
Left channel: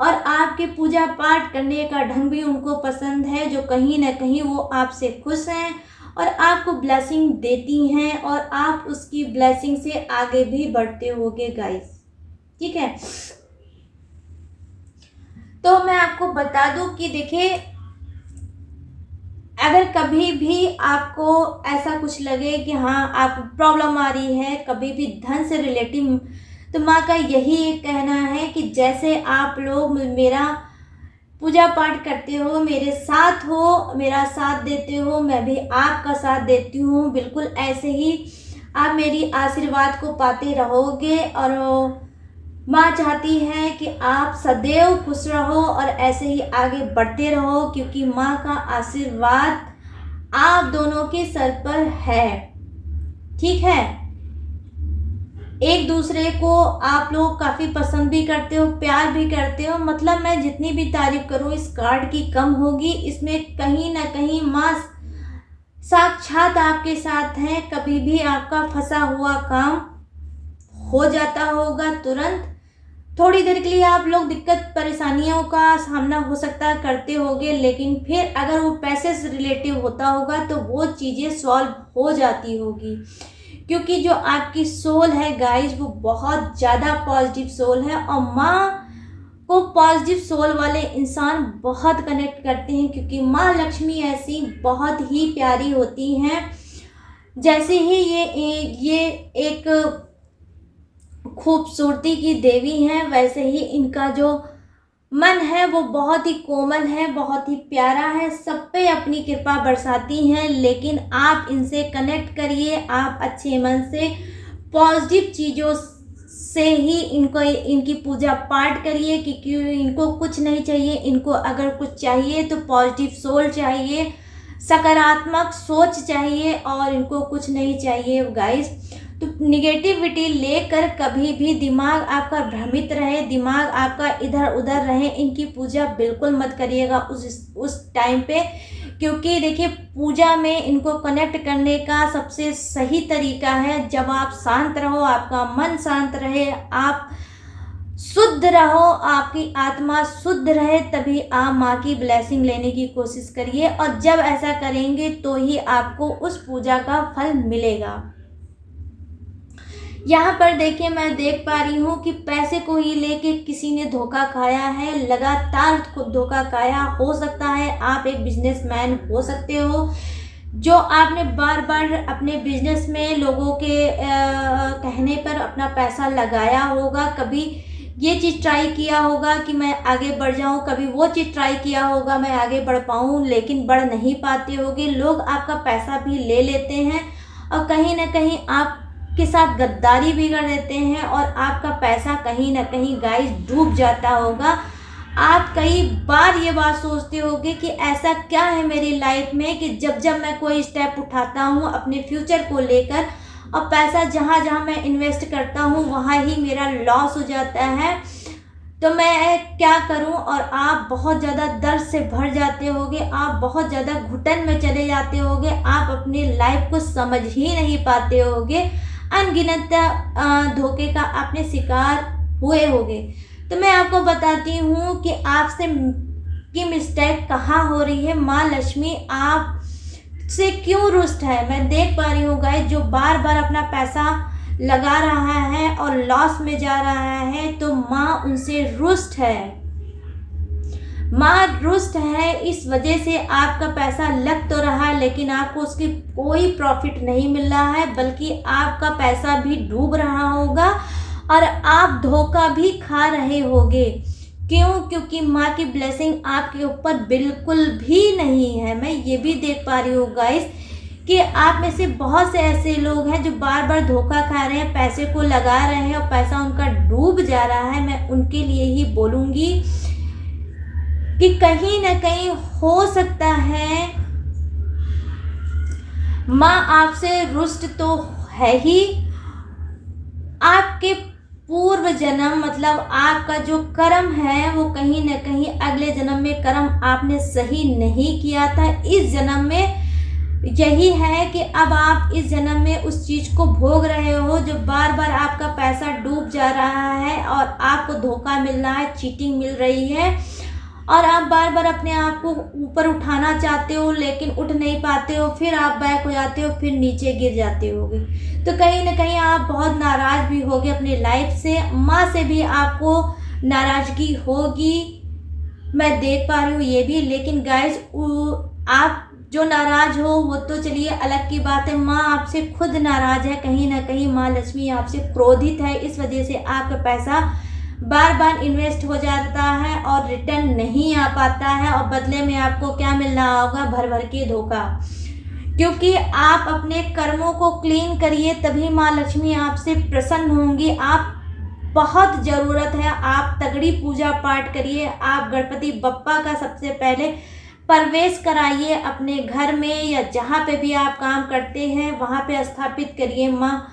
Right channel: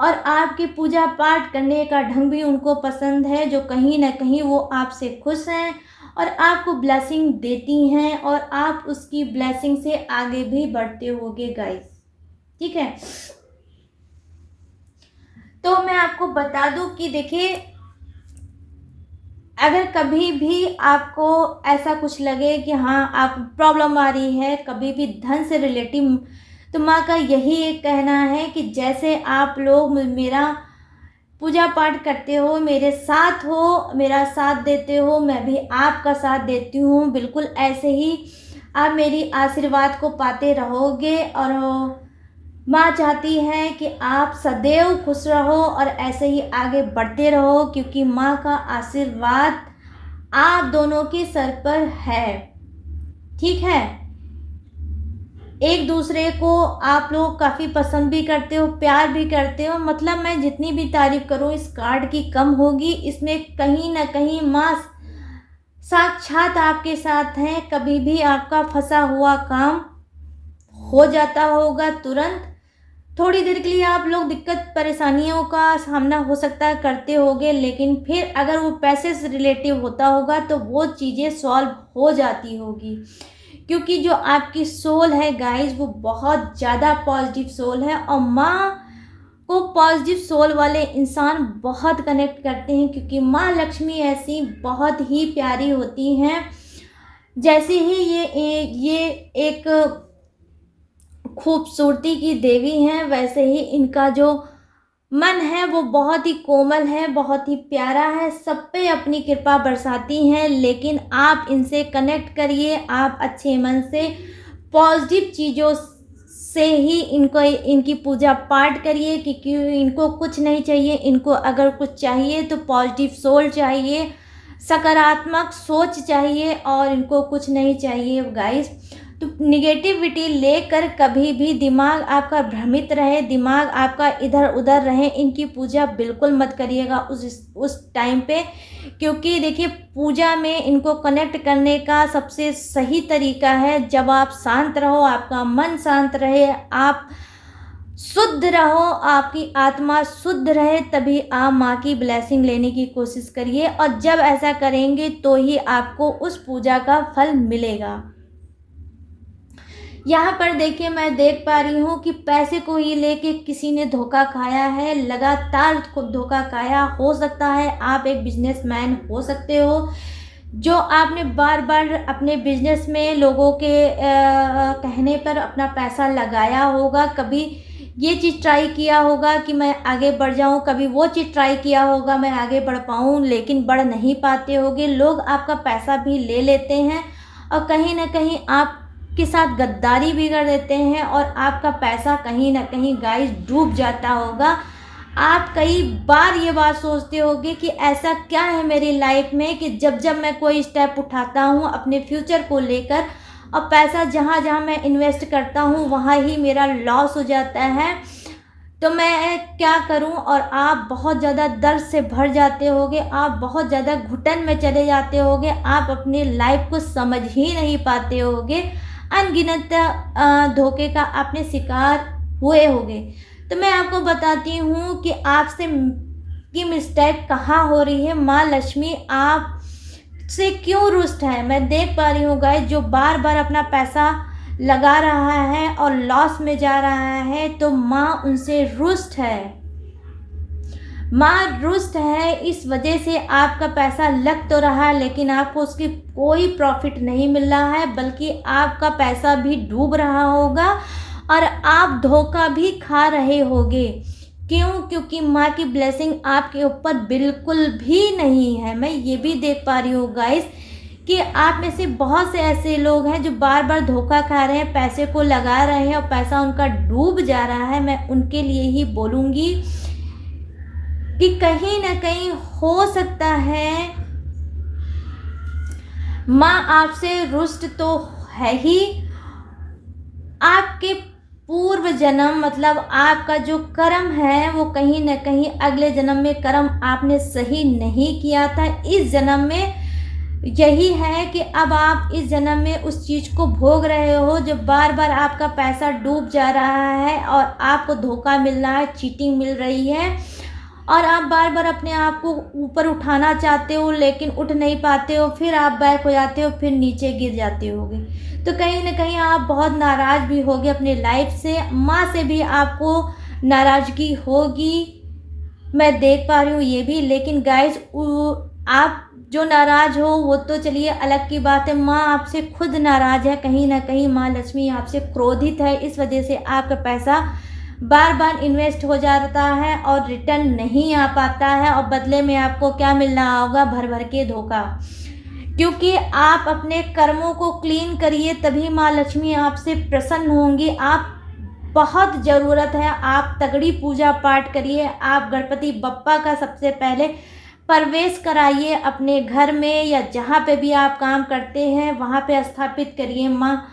और आपके पूजा पाठ करने का ढंग भी उनको पसंद है, जो कहीं ना कहीं वो आपसे खुश हैं और आपको ब्लेसिंग देती हैं और आप उसकी ब्लेसिंग से आगे भी बढ़ते होगे गाइस। ठीक है, तो मैं आपको बता दूं कि देखिए अगर कभी भी आपको ऐसा कुछ लगे कि हाँ आप प्रॉब्लम आ रही है कभी भी धन से रिलेटिव, तो माँ का यही एक कहना है कि जैसे आप लोग मेरा पूजा पाठ करते हो, मेरे साथ हो, मेरा साथ देते हो, मैं भी आपका साथ देती हूँ, बिल्कुल ऐसे ही आप मेरी आशीर्वाद को पाते रहोगे। और माँ चाहती है कि आप सदैव खुश रहो और ऐसे ही आगे बढ़ते रहो, क्योंकि माँ का आशीर्वाद आप दोनों के सर पर है। ठीक है, एक दूसरे को आप लोग काफ़ी पसंद भी करते हो, प्यार भी करते हो। मतलब मैं जितनी भी तारीफ करूँ इस कार्ड की कम होगी। इसमें कहीं ना कहीं माँ साक्षात आपके साथ हैं। कभी भी आपका फंसा हुआ काम हो जाता होगा तुरंत। थोड़ी देर के लिए आप लोग दिक्कत परेशानियों का सामना हो सकता है करते होगे, लेकिन फिर अगर वो पैसे से रिलेटिव होता होगा तो वो चीज़ें सॉल्व हो जाती होगी, क्योंकि जो आपकी सोल है गाइस वो बहुत ज़्यादा पॉजिटिव सोल है और माँ को पॉजिटिव सोल वाले इंसान बहुत कनेक्ट करते हैं, क्योंकि माँ लक्ष्मी ऐसी बहुत ही प्यारी होती हैं। जैसे ही ये एक खूबसूरती की देवी हैं, वैसे ही इनका जो मन है वो बहुत ही कोमल है, बहुत ही प्यारा है, सब पे अपनी कृपा बरसाती हैं। लेकिन आप इनसे कनेक्ट करिए, आप अच्छे मन से पॉजिटिव चीज़ों से ही इनकी पूजा पाठ करिए, क्योंकि इनको कुछ नहीं चाहिए। इनको अगर कुछ चाहिए तो पॉजिटिव सोल चाहिए, सकारात्मक सोच चाहिए, और इनको कुछ नहीं चाहिए गाइस। तो निगेटिविटी लेकर कभी भी दिमाग आपका भ्रमित रहे, दिमाग आपका इधर उधर रहे, इनकी पूजा बिल्कुल मत करिएगा उस टाइम पे। क्योंकि देखिए, पूजा में इनको कनेक्ट करने का सबसे सही तरीका है जब आप शांत रहो, आपका मन शांत रहे, आप शुद्ध रहो, आपकी आत्मा शुद्ध रहे, तभी आप माँ की ब्लेसिंग लेने की कोशिश करिए। और जब ऐसा करेंगे तो ही आपको उस पूजा का फल मिलेगा। यहाँ पर देखिए, मैं देख पा रही हूँ कि पैसे को ही लेके किसी ने धोखा खाया है, लगातार धोखा खाया। हो सकता है आप एक बिजनेसमैन हो सकते हो, जो आपने बार बार अपने बिजनेस में लोगों के कहने पर अपना पैसा लगाया होगा। कभी ये चीज़ ट्राई किया होगा कि मैं आगे बढ़ जाऊं, कभी वो चीज़ ट्राई किया होगा मैं आगे बढ़ पाऊं, लेकिन बढ़ नहीं पाते होगे। लोग आपका पैसा भी ले लेते हैं और कहीं ना कहीं आपके साथ गद्दारी भी कर देते हैं, और आपका पैसा कहीं ना कहीं गाइस डूब जाता होगा। आप कई बार ये बात सोचते होगे कि ऐसा क्या है मेरी लाइफ में कि जब जब मैं कोई स्टेप उठाता हूँ अपने फ्यूचर को लेकर, और पैसा जहाँ जहाँ मैं इन्वेस्ट करता हूँ वहाँ ही मेरा लॉस हो जाता है, तो मैं क्या करूँ। और आप बहुत ज़्यादा दर्द से भर जाते होगे, आप बहुत ज़्यादा घुटन में चले जाते होगे, आप अपनी लाइफ को समझ ही नहीं पाते होगे, अनगिनत धोखे का आपने शिकार हुए होगे। तो मैं आपको बताती हूँ कि आपसे की मिस्टेक कहाँ हो रही है। माँ लक्ष्मी आप से क्यों रुष्ट है। मैं देख पा रही हूँ गाइस, जो बार बार अपना पैसा लगा रहा है और लॉस में जा रहा है, तो माँ उनसे रुष्ट है। माँ रुष्ट है इस वजह से आपका पैसा लग तो रहा है, लेकिन आपको उसकी कोई प्रॉफिट नहीं मिल रहा है, बल्कि आपका पैसा भी डूब रहा होगा और आप धोखा भी खा रहे होगे। क्यों? क्योंकि माँ की ब्लेसिंग आपके ऊपर बिल्कुल भी नहीं है। मैं ये भी देख पा रही हूँ गाइस कि आप में से बहुत से ऐसे लोग हैं जो बार बार धोखा खा रहे हैं, पैसे को लगा रहे हैं और पैसा उनका डूब जा रहा है। मैं उनके लिए ही बोलूँगी कि कहीं ना कहीं हो सकता है माँ आपसे रुष्ट तो है ही, आपके पूर्व जन्म मतलब आपका जो कर्म है वो कहीं ना कहीं अगले जन्म में कर्म आपने सही नहीं किया था। इस जन्म में यही है कि अब आप इस जन्म में उस चीज़ को भोग रहे हो, जो बार बार आपका पैसा डूब जा रहा है और आपको धोखा मिल रहा है, चीटिंग मिल रही है, और आप बार बार अपने आप को ऊपर उठाना चाहते हो लेकिन उठ नहीं पाते हो, फिर आप बैक हो जाते हो, फिर नीचे गिर जाते होगे। तो कहीं ना कहीं आप बहुत नाराज़ भी होगे अपनी लाइफ से, माँ से भी आपको नाराज़गी होगी, मैं देख पा रही हूँ ये भी। लेकिन गाइस, आप जो नाराज़ हो वो तो चलिए अलग की बात है, माँ आपसे खुद नाराज़ है, कहीं ना कहीं माँ लक्ष्मी आपसे क्रोधित है। इस वजह से आपका पैसा बार बार इन्वेस्ट हो जाता है और रिटर्न नहीं आ पाता है, और बदले में आपको क्या मिल रहा होगा? भर भर के धोखा। क्योंकि आप अपने कर्मों को क्लीन करिए, तभी माँ लक्ष्मी आपसे प्रसन्न होंगी। आप बहुत ज़रूरत है, आप तगड़ी पूजा पाठ करिए, आप गणपति बप्पा का सबसे पहले प्रवेश कराइए अपने घर में, या जहाँ पे भी आप काम करते हैं वहाँ पे स्थापित करिए। माँ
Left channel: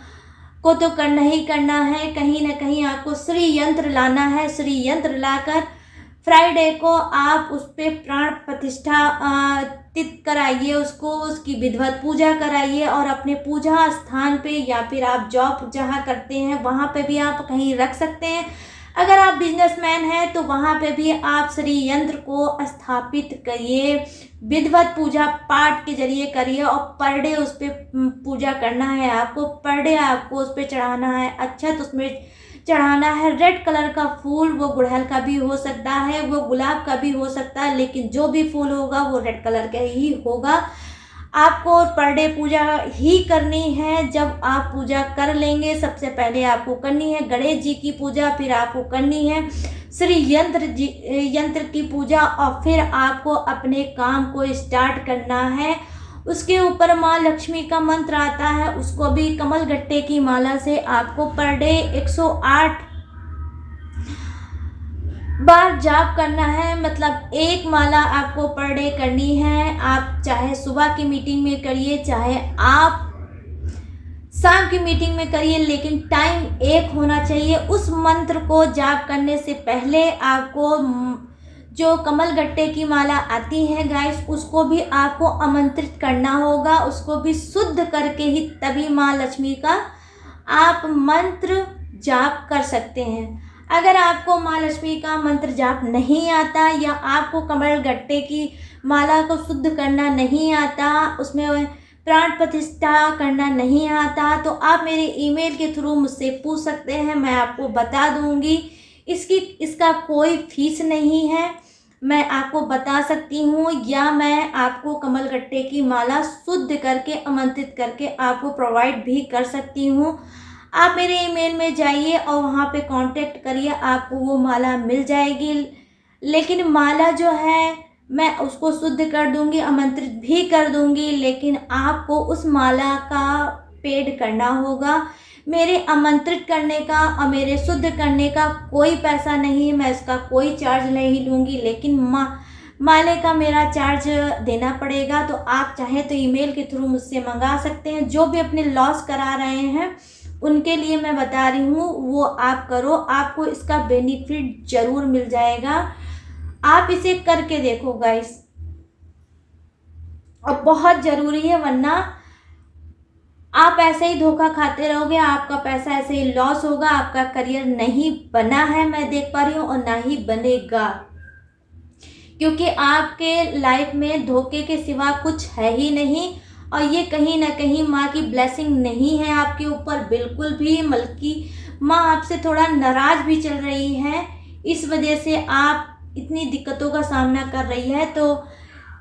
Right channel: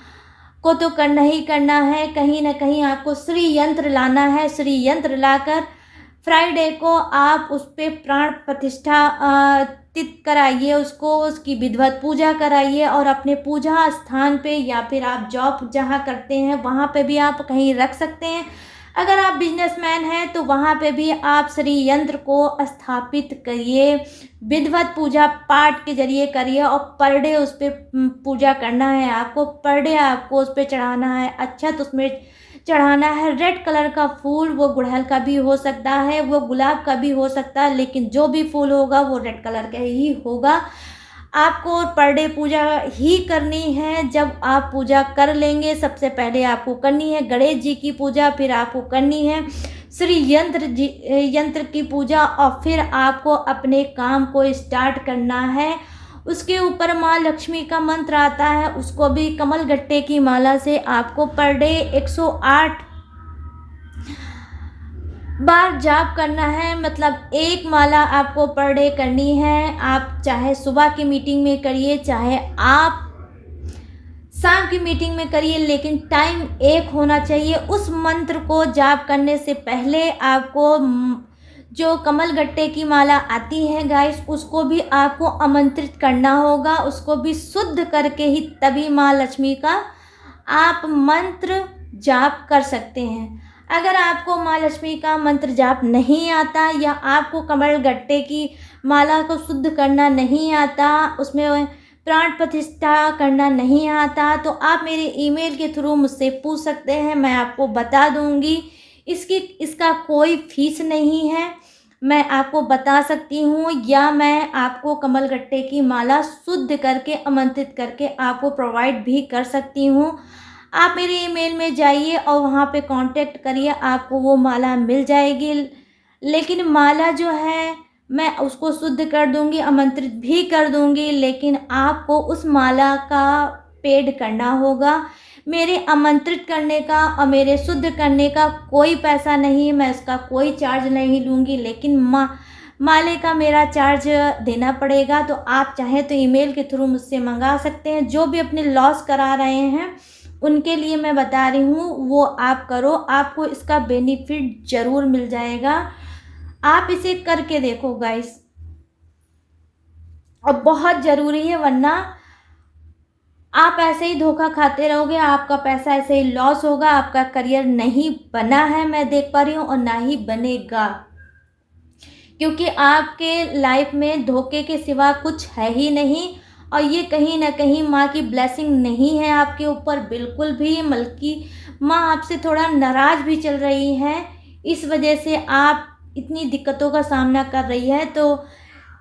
को तो करना ही करना है, कहीं ना कहीं आपको श्री यंत्र लाना है। श्री यंत्र लाकर फ्राइडे को आप उस पर प्राण प्रतिष्ठा कराइए, उसकी विधिवत पूजा कराइए, और अपने पूजा स्थान पे या फिर आप जॉब जहाँ करते हैं वहाँ पे भी आप कहीं रख सकते हैं। अगर आप बिजनेसमैन हैं तो वहाँ पे भी आप श्री यंत्र को स्थापित करिए, विधिवत पूजा पाठ के जरिए करिए, और पर डे उस पर पूजा करना है आपको, पर डे आपको उस पर चढ़ाना है अक्षत, उसमें चढ़ाना है रेड कलर का फूल। वो गुड़हल का भी हो सकता है, वो गुलाब का भी हो सकता है, लेकिन जो भी फूल होगा वो रेड कलर का ही होगा। आपको पर डे पूजा ही करनी है। जब आप पूजा कर लेंगे, सबसे पहले आपको करनी है गणेश जी की पूजा, फिर आपको करनी है श्री यंत्र की पूजा, और फिर आपको अपने काम को स्टार्ट करना है। उसके ऊपर माँ लक्ष्मी का मंत्र आता है, उसको भी कमल गट्टे की माला से आपको पर डे 108 बार जाप करना है। मतलब एक माला आपको पर डे करनी है। आप चाहे सुबह की मीटिंग में करिए, चाहे आप शाम की मीटिंग में करिए, लेकिन टाइम एक होना चाहिए। उस मंत्र को जाप करने से पहले आपको जो कमल गट्टे की माला आती है गाइस, उसको भी आपको आमंत्रित करना होगा, उसको भी शुद्ध करके ही तभी माँ लक्ष्मी का आप मंत्र जाप कर सकते हैं। अगर आपको माँ लक्ष्मी का मंत्र जाप नहीं आता या आपको कमल गट्टे की माला को शुद्ध करना नहीं आता, उसमें प्राण प्रतिष्ठा करना नहीं आता, तो आप मेरे ईमेल के थ्रू मुझसे पूछ सकते हैं, मैं आपको बता दूंगी। इसका कोई फीस नहीं है, मैं आपको बता सकती हूँ, या मैं आपको कमल गट्टे की माला शुद्ध करके आमंत्रित करके आपको प्रोवाइड भी कर सकती हूँ। आप मेरे ईमेल में जाइए और वहाँ पे कांटेक्ट करिए, आपको वो माला मिल जाएगी। लेकिन माला जो है मैं उसको शुद्ध कर दूंगी, आमंत्रित भी कर दूंगी, लेकिन आपको उस माला का पेड करना होगा। मेरे आमंत्रित करने का और मेरे शुद्ध करने का कोई पैसा नहीं, मैं इसका कोई चार्ज नहीं लूँगी, लेकिन माले का मेरा चार्ज देना पड़ेगा। तो आप चाहें तो ईमेल के थ्रू मुझसे मंगा सकते हैं। जो भी अपने लॉस करा रहे हैं उनके लिए मैं बता रही हूँ, वो आप करो, आपको इसका बेनिफिट ज़रूर मिल जाएगा। आप इसे करके देखो गाइस, और बहुत ज़रूरी है, वरना आप ऐसे ही धोखा खाते रहोगे, आपका पैसा ऐसे ही लॉस होगा, आपका करियर नहीं बना है, मैं देख पा रही हूँ, और ना ही बनेगा, क्योंकि आपके लाइफ में धोखे के सिवा कुछ है ही नहीं। और ये कहीं ना कहीं माँ की ब्लेसिंग नहीं है आपके ऊपर बिल्कुल भी, बल्कि माँ आपसे थोड़ा नाराज़ भी चल रही है, इस वजह से आप इतनी दिक्कतों का सामना कर रही है। तो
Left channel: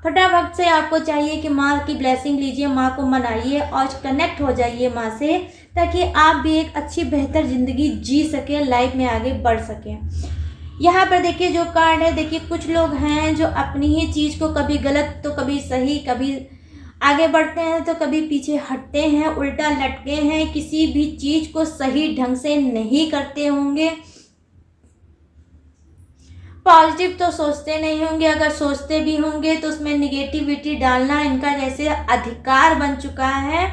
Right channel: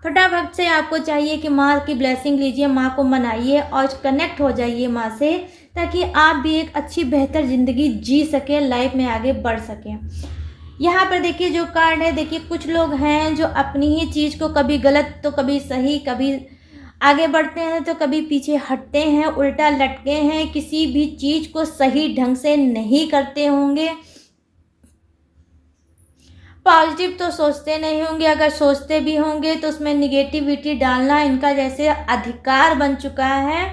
फटाफट से आपको चाहिए कि माँ की ब्लेसिंग लीजिए, माँ को मनाइए और कनेक्ट हो जाइए माँ से, ताकि आप भी एक अच्छी बेहतर ज़िंदगी जी सकें, लाइफ में आगे बढ़ सकें। यहाँ पर देखिए जो कार्ड है, देखिए कुछ लोग हैं जो अपनी ही चीज़ को कभी गलत तो कभी सही, कभी आगे बढ़ते हैं तो कभी पीछे हटते हैं, उल्टा लटके हैं, किसी भी चीज़ को सही ढंग से नहीं करते होंगे, पॉजिटिव तो सोचते नहीं होंगे, अगर सोचते भी होंगे तो उसमें निगेटिविटी डालना इनका जैसे अधिकार बन चुका है।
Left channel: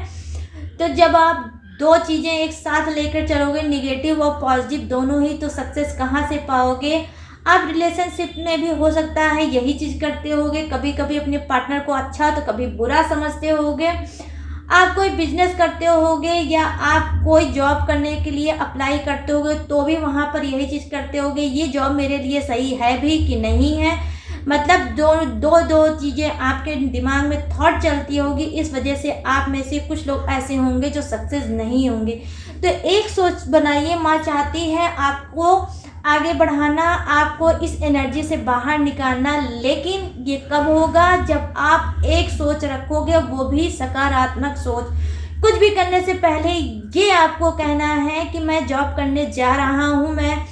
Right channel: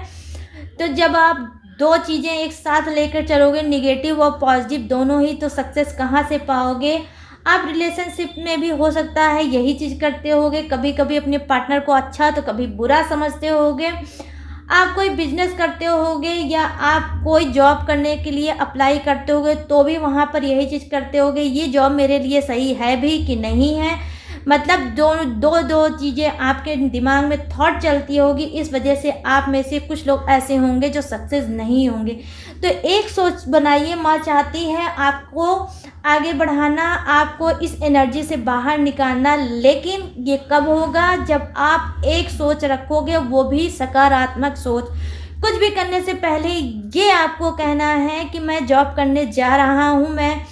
तो जब आप दो चीज़ें एक साथ लेकर चलोगे, निगेटिव और पॉजिटिव दोनों ही, तो सक्सेस कहाँ से पाओगे। आप रिलेशनशिप में भी हो सकता है यही चीज़ करते होगे, कभी कभी अपने पार्टनर को अच्छा तो कभी बुरा समझते होगे। आप कोई बिजनेस करते होगे या आप कोई जॉब करने के लिए अप्लाई करते होगे तो भी वहाँ पर यही चीज़ करते होगे, ये जॉब मेरे लिए सही है भी कि नहीं है। मतलब दो चीज़ें आपके दिमाग में थॉट चलती होगी, इस वजह से आप में से कुछ लोग ऐसे होंगे जो सक्सेस नहीं होंगे। तो एक सोच बनाइए, माँ चाहती है आपको आगे बढ़ाना, आपको इस एनर्जी से बाहर निकालना, लेकिन ये कब होगा, जब आप एक सोच रखोगे, वो भी सकारात्मक सोच। कुछ भी करने से पहले ये आपको कहना है कि मैं जॉब करने जा रहा हूँ, मैं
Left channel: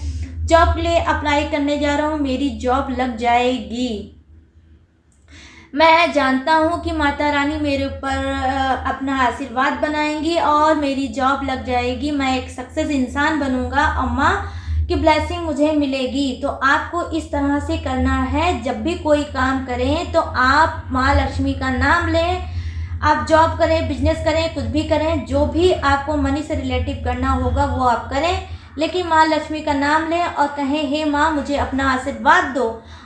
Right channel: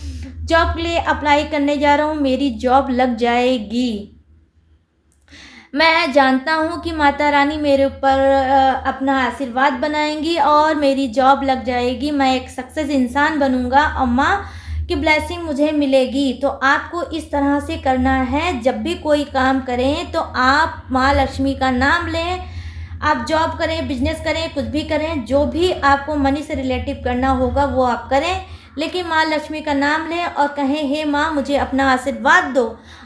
जॉब के लिए अप्लाई करने जा रहा हूँ, मेरी जॉब लग जाएगी। मैं जानता हूँ कि माता रानी मेरे ऊपर अपना आशीर्वाद बनाएंगी और मेरी जॉब लग जाएगी, मैं एक सक्सेस इंसान बनूंगा और माँ की ब्लेसिंग मुझे मिलेगी। तो आपको इस तरह से करना है, जब भी कोई काम करें तो आप माँ लक्ष्मी का नाम लें, आप जॉब करें, बिजनेस करें, कुछ भी करें, जो भी आपको मनी से रिलेटिव करना होगा वो आप करें, लेकिन माँ लक्ष्मी का नाम लें और कहें, हे माँ मुझे अपना आशीर्वाद दो,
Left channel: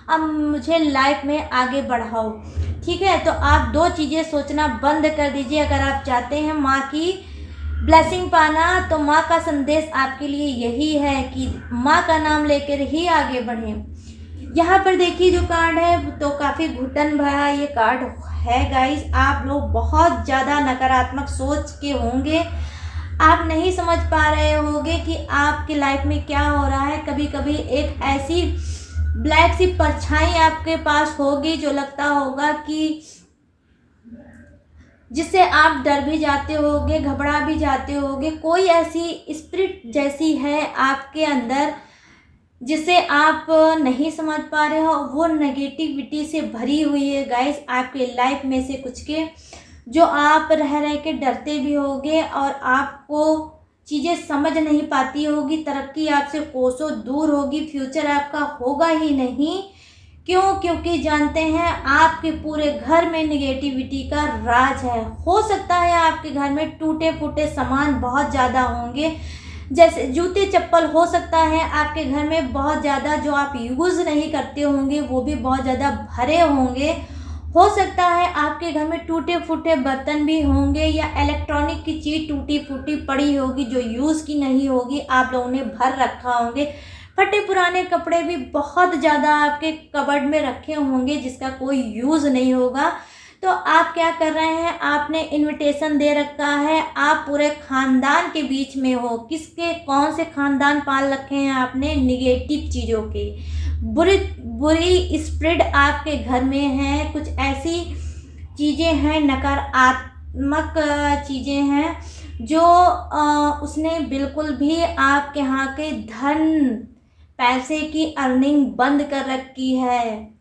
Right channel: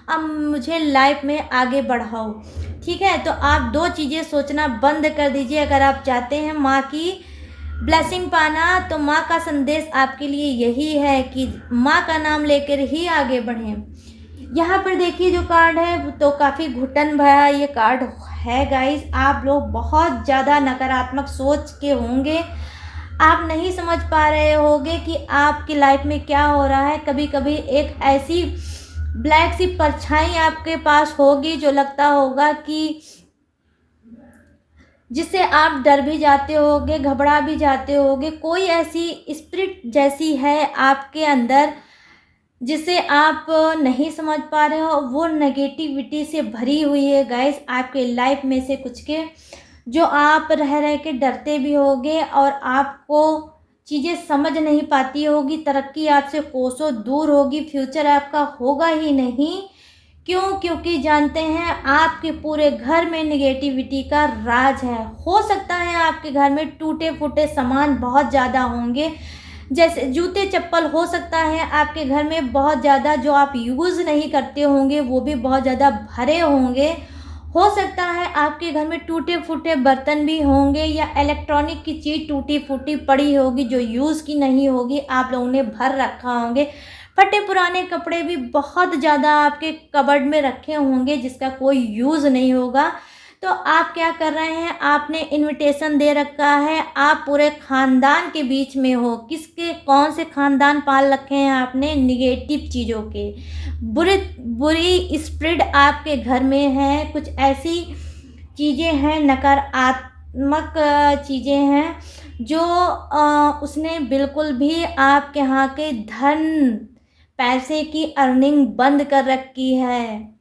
अब मुझे लाइफ में आगे बढ़ाओ। ठीक है, तो आप दो चीज़ें सोचना बंद कर दीजिए। अगर आप चाहते हैं माँ की ब्लेसिंग पाना, तो माँ का संदेश आपके लिए यही है कि माँ का नाम लेकर ही आगे बढ़ें। यहाँ पर देखिए जो कार्ड है तो काफ़ी घुटन भरा ये कार्ड है गाइस। आप लोग बहुत ज़्यादा नकारात्मक सोच के होंगे, आप नहीं समझ पा रहे होंगे कि आपकी लाइफ में क्या हो रहा है। कभी कभी एक ऐसी ब्लैक सी परछाई आपके पास होगी जो लगता होगा कि जिससे आप डर भी जाते होगे, घबरा भी जाते होगे। कोई ऐसी स्पिरिट जैसी है आपके अंदर जिसे आप नहीं समझ पा रहे हो, वो नेगेटिविटी से भरी हुई है गाइस। आपके लाइफ में से कुछ के जो आप रह रह के डरते भी होगे और आपको चीज़ें समझ नहीं पाती होगी, तरक्की आपसे कोसों दूर होगी, फ्यूचर आपका होगा ही नहीं। क्यों? क्योंकि जानते हैं आपके पूरे घर में निगेटिविटी का राज है। हो सकता है आपके घर में टूटे फूटे सामान बहुत ज़्यादा होंगे, जैसे जूते चप्पल हो सकता है आपके घर में बहुत ज़्यादा, जो आप यूज़ नहीं करते होंगे वो भी बहुत ज़्यादा भरे होंगे। हो सकता है आपके घर में टूटे फूटे बर्तन भी होंगे या इलेक्ट्रॉनिक की चीज़ टूटी फूटी पड़ी होगी जो यूज़ की नहीं होगी, आप लोगों ने भर रखा होंगे। फटे पुराने कपड़े भी बहुत ज़्यादा आपके कबर्ड में रखे होंगे जिसका कोई यूज़ नहीं होगा। तो आप क्या कर रहे हैं, आपने इनविटेशन दे रखा है, आप पूरे ख़ानदान के बीच में हो। किसके, कौन से ख़ानदान पाल रखे हैं आपने? निगेटिव चीज़ों के। बुरी बुरी स्प्रिट आपके घर में है, कुछ ऐसी चीज़ें हैं, नकारात्मक चीज़ें हैं जो उसने बिल्कुल भी आपके यहाँ के धन पैसे की अर्निंग बंद कर रखी है।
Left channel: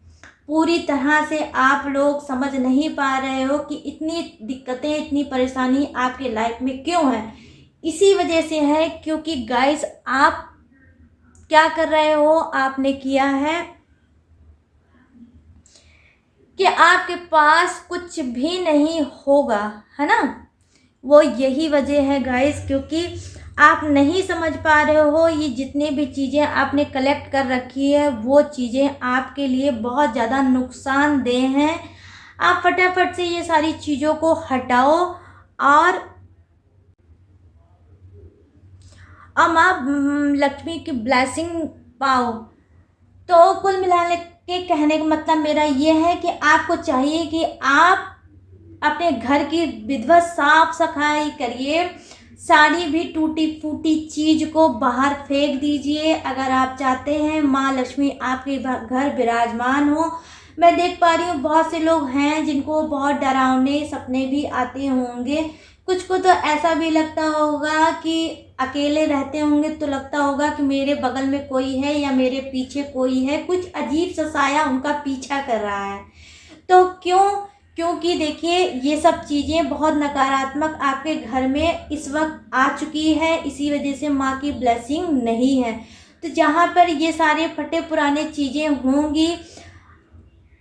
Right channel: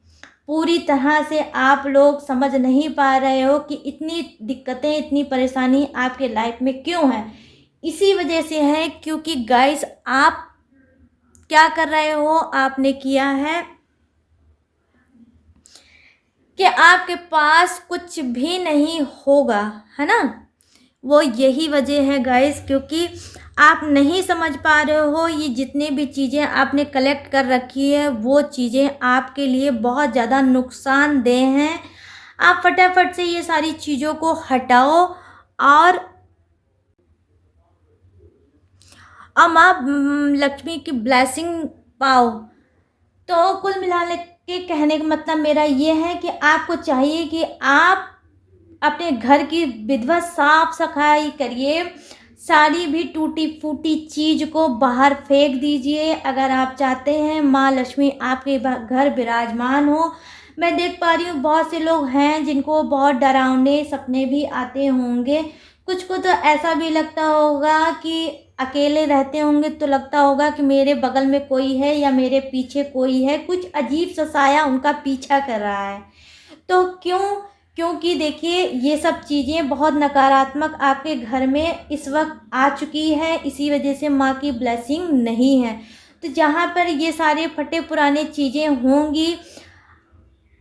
पूरी तरह से आप लोग समझ नहीं पा रहे हो कि इतनी दिक्कतें, इतनी परेशानी आपके लाइफ में क्यों है। इसी वजह से है क्योंकि गाइस आप क्या कर रहे हो, आपने किया है कि आपके पास कुछ भी नहीं होगा, है ना। वो यही वजह है गाइस, क्योंकि आप नहीं समझ पा रहे हो ये जितनी भी चीज़ें आपने कलेक्ट कर रखी है वो चीज़ें आपके लिए बहुत ज़्यादा नुकसानदेह हैं। आप फटाफट से ये सारी चीज़ों को हटाओ और आप लक्ष्मी की ब्लेसिंग पाओ। तो कुल मिलाने के कहने का मतलब मेरा ये है कि आपको चाहिए कि आप अपने घर की विधिवत साफ सफाई करिए, सारी भी टूटी फूटी चीज़ को बाहर फेंक दीजिए। अगर आप चाहते हैं माँ लक्ष्मी आपके घर विराजमान हो। मैं देख पा रही हूँ बहुत से लोग हैं जिनको बहुत डरावने सपने भी आते होंगे। कुछ को तो ऐसा भी लगता होगा कि अकेले रहते होंगे तो लगता होगा कि मेरे बगल में कोई है या मेरे पीछे कोई है, कुछ अजीब सा साया उनका पीछा कर रहा है। तो क्यों? क्योंकि देखिए ये सब चीज़ें बहुत नकारात्मक आपके घर में इस वक्त आ चुकी है, इसी वजह से माँ की ब्लेसिंग नहीं है। तो जहाँ पर ये सारे फटे पुराने चीज़ें होंगी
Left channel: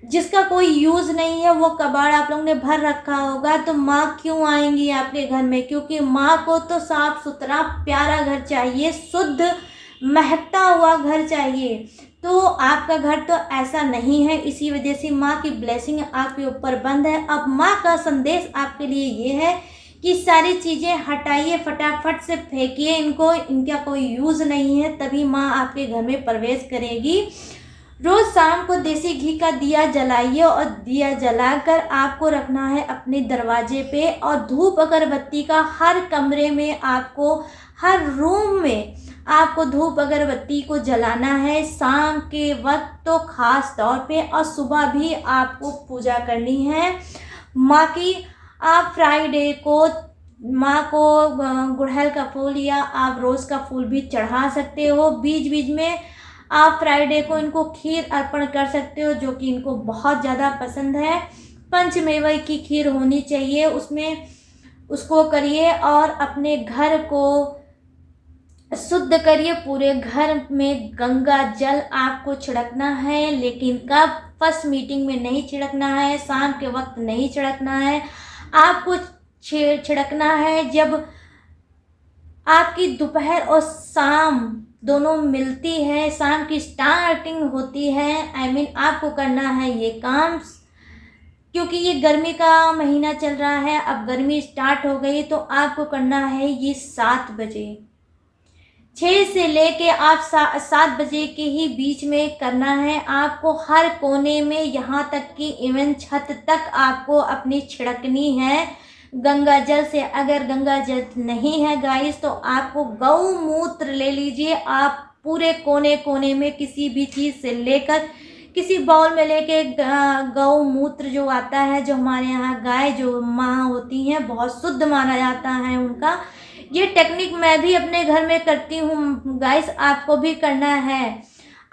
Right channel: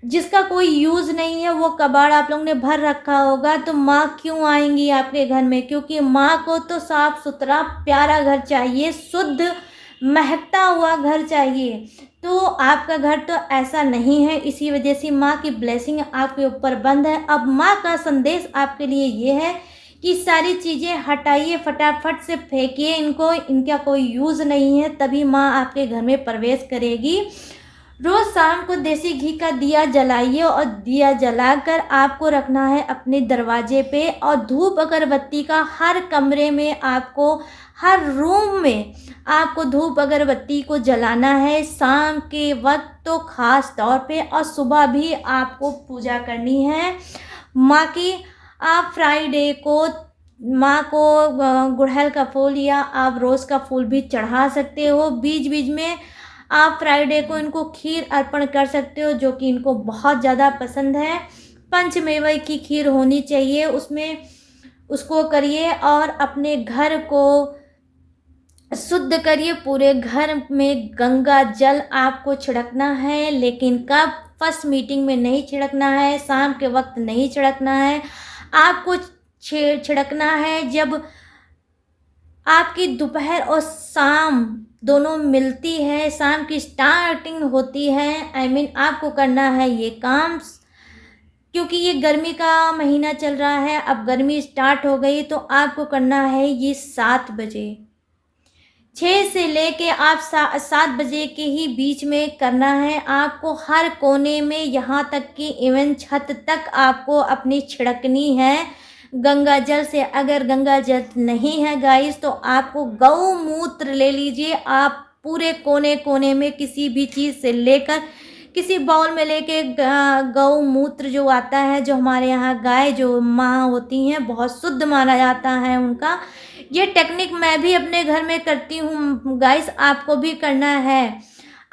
जिसका कोई यूज़ नहीं है, वो कबाड़ आप लोगों ने भर रखा होगा, तो माँ क्यों आएंगी आपके घर में? क्योंकि माँ को तो साफ सुथरा प्यारा घर चाहिए, शुद्ध महकता हुआ घर चाहिए। तो आपका घर तो ऐसा नहीं है, इसी वजह से माँ की ब्लेसिंग आपके ऊपर बंद है। अब माँ का संदेश आपके लिए ये है कि सारी चीज़ें हटाइए, फटाफट से फेंकिए इनको, इनका कोई यूज़ नहीं है, तभी माँ आपके घर में प्रवेश करेगी। रोज़ शाम को देसी घी का दिया जलाइए और दिया जलाकर आपको रखना है अपने दरवाजे पे, और धूप अगरबत्ती का हर कमरे में आपको, हर रूम में आपको धूप अगरबत्ती को जलाना है शाम के वक्त तो ख़ास तौर पे, और सुबह भी आपको पूजा करनी है माँ की। आप फ्राइडे को माँ को गुड़हल का फूल या आप रोज़ का फूल भी चढ़ा सकते हो। बीच बीच में आप फ्राइडे को इनको खीर अर्पण कर सकते हो जो कि इनको बहुत ज़्यादा पसंद है। पंचमेवे की खीर होनी चाहिए उसमें, उसको करिए और अपने घर को शुद्ध करिए। पूरे घर में गंगा जल आपको छिड़कना है, लेकिन कब? फर्स्ट मीटिंग में नहीं छिड़कना है, शाम के वक्त नहीं छिड़कना है, आपको छिड़कना है जब आपकी दोपहर और शाम दोनों मिलती है, शाम की स्टार्टिंग होती है। आपको करना है ये काम, क्योंकि ये गर्मी का महीना चल रहा है, अब गर्मी स्टार्ट हो गई, तो आपको करना है ये 7 बजे, 6 से लेके आप 7 बजे के ही बीच में करना है आपको। हर कोने में, यहाँ तक कि इवन छत तक आपको अपनी छिड़कनी है गंगा जल से। अगर गंगा जल नहीं है गाइस तो आपको गौमूत्र ले लीजिए। आप पूरे कोने कोने में किसी भी चीज़ से लेकर, किसी बाउल में लेके गौमूत्र जो आता है, जो हमारे यहाँ गाय जो माँ होती हैं बहुत शुद्ध माना जाता है उनका। ये टेक्निक मैं भी अपने घर में करती हूँ गाइस, आपको भी करना है।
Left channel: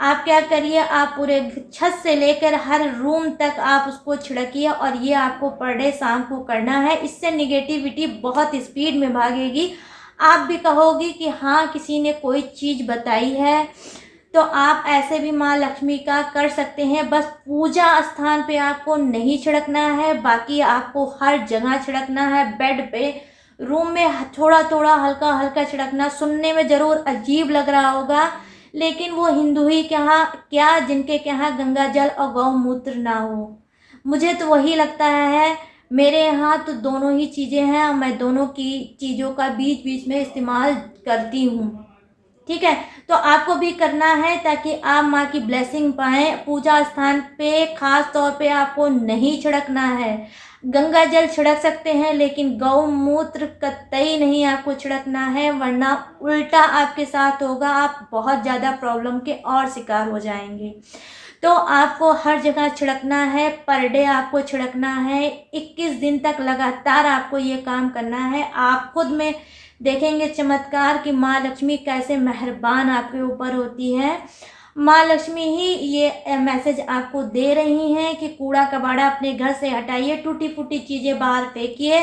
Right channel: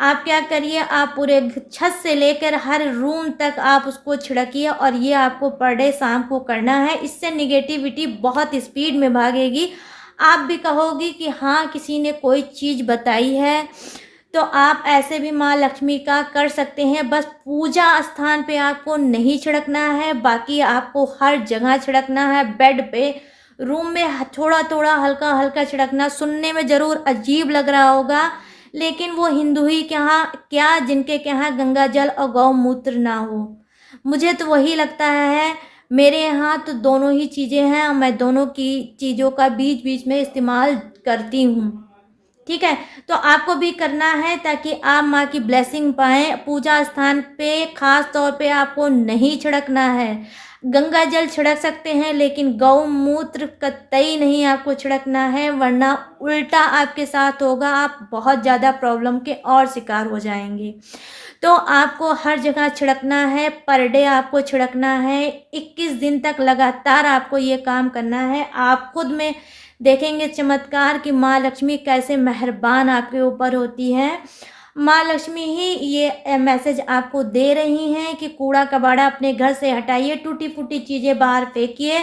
आप क्या करिए, आप पूरे छत से लेकर हर रूम तक आप उसको छिड़किए और ये आपको पर डे शाम को करना है। इससे निगेटिविटी बहुत स्पीड में भागेगी। आप भी कहोगी कि हाँ, किसी ने कोई चीज़ बताई है। तो आप ऐसे भी माँ लक्ष्मी का कर सकते हैं। बस पूजा स्थान पे आपको नहीं छिड़कना है, बाकी आपको हर जगह छिड़कना है। बेड पे, रूम में थोड़ा थोड़ा हल्का हल्का छिड़कना। सुनने में ज़रूर अजीब लग रहा होगा, लेकिन वो हिंदू ही के यहाँ क्या, जिनके के यहाँ गंगा जल और गौमूत्र ना हो। मुझे तो वही लगता है। मेरे यहाँ तो दोनों ही चीज़ें हैं और मैं दोनों की चीज़ों का बीच बीच में इस्तेमाल करती हूँ। ठीक है, तो आपको भी करना है ताकि आप माँ की ब्लेसिंग पाएं। पूजा स्थान पे खास तौर पे आपको नहीं छिड़कना है। गंगा जल छिड़क सकते हैं, लेकिन गौमूत्र कतई नहीं आपको छिड़कना है, वरना उल्टा आपके साथ होगा। आप बहुत ज़्यादा प्रॉब्लम के और शिकार हो जाएंगे। तो आपको हर जगह छिड़कना है, पर डे आपको छिड़कना है। 21 दिन तक लगातार आपको ये काम करना है। आप खुद में देखेंगे चमत्कार कि माँ लक्ष्मी कैसे मेहरबान आपके ऊपर होती है। माँ लक्ष्मी ही ये मैसेज आपको दे रही हैं कि कूड़ा कबाड़ा अपने घर से हटाइए, टूटी फूटी चीज़ें बाहर फेंकिए।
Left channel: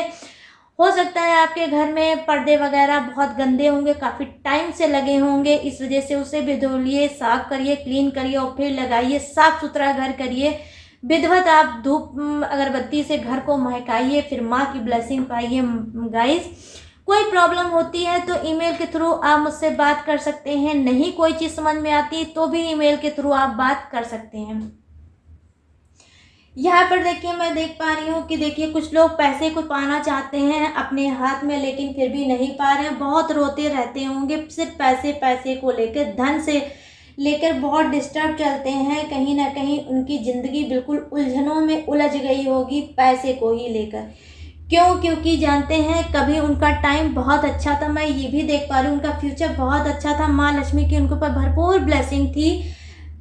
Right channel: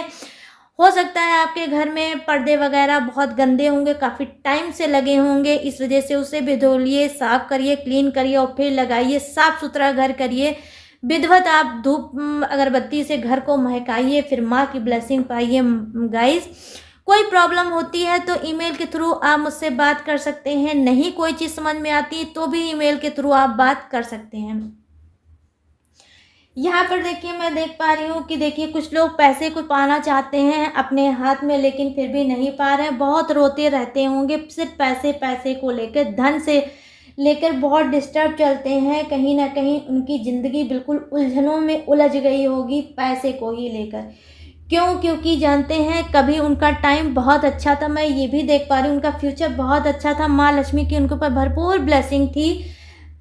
हो सकता है आपके घर में पर्दे वगैरह बहुत गंदे होंगे, काफ़ी टाइम से लगे होंगे, इस वजह से उसे भी धोलिए, साफ करिए, क्लीन करिए और फिर लगाइए। साफ सुथरा घर करिए। विधिवत आप धूप अगरबत्ती से घर को महकाइए, फिर माँ की ब्लेसिंग पाइए। गाइस, कोई प्रॉब्लम होती है तो ईमेल के थ्रू आप मुझसे बात कर सकते हैं। नहीं कोई चीज़ समझ में आती तो भी ईमेल के थ्रू आप बात कर सकते हैं। यहाँ पर देखिए, मैं देख पा रही हूँ कि देखिए कुछ लोग पैसे को पाना चाहते हैं अपने हाथ में, लेकिन फिर भी नहीं पा रहे हैं। बहुत रोते रहते होंगे, सिर्फ पैसे पैसे को लेकर, धन से लेकर बहुत डिस्टर्ब चलते हैं। कहीं ना कहीं उनकी ज़िंदगी बिल्कुल उलझनों में उलझ गई होगी पैसे को ही लेकर। क्यों? क्योंकि जानते हैं कभी उनका टाइम बहुत अच्छा था। मैं ये भी देख पा रही हूँ उनका फ्यूचर बहुत अच्छा था। माँ लक्ष्मी की उनके ऊपर भरपूर ब्लेसिंग थी,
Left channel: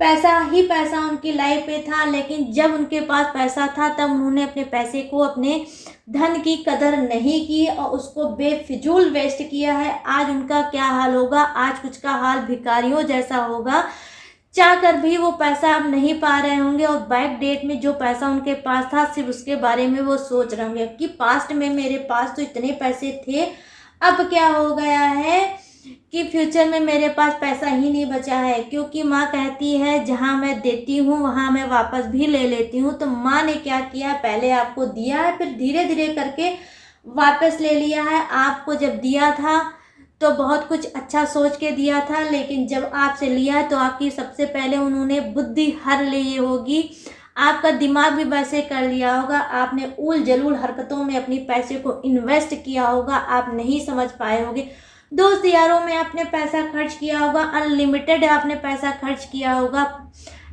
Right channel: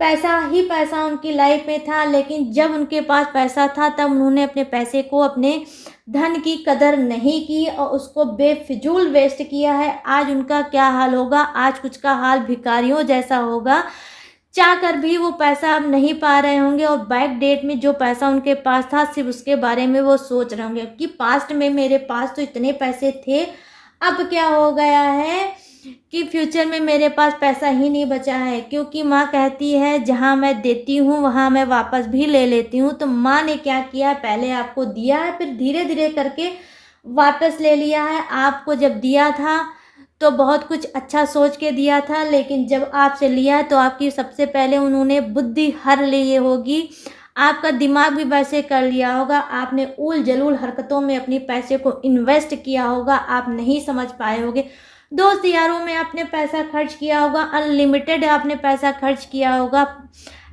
पैसा ही पैसा उनकी लाइफ में था। लेकिन जब उनके पास पैसा था तब उन्होंने अपने पैसे को, अपने धन की कदर नहीं की और उसको बेफिजूल वेस्ट किया है। आज उनका क्या हाल होगा? आज कुछ का हाल भिखारियों जैसा होगा। चाह कर भी वो पैसा अब नहीं पा रहे होंगे और बैक डेट में जो पैसा उनके पास था सिर्फ उसके बारे में वो सोच रहे होंगे कि पास्ट में मेरे पास तो इतने पैसे थे, अब क्या हो गया है कि फ्यूचर में मेरे पास पैसा ही नहीं बचा है। क्योंकि माँ कहती है जहाँ मैं देती हूँ वहाँ मैं वापस भी ले लेती हूँ। तो माँ ने क्या किया, पहले आपको दिया है, फिर धीरे धीरे करके वापस ले लिया है। आपको जब दिया था तो बहुत कुछ अच्छा सोच के दिया था, लेकिन जब आपसे लिया तो आपकी सबसे पहले उन्होंने बुद्धि हर ली होगी, आपका दिमाग भी वैसे कर लिया होगा। आपने उल जलूल हरकतों में अपनी पैसे को इन्वेस्ट किया होगा, आप नहीं समझ पाए होगे। दोस्त यारों में आपने पैसा खर्च किया होगा, अनलिमिटेड आपने पैसा खर्च किया होगा,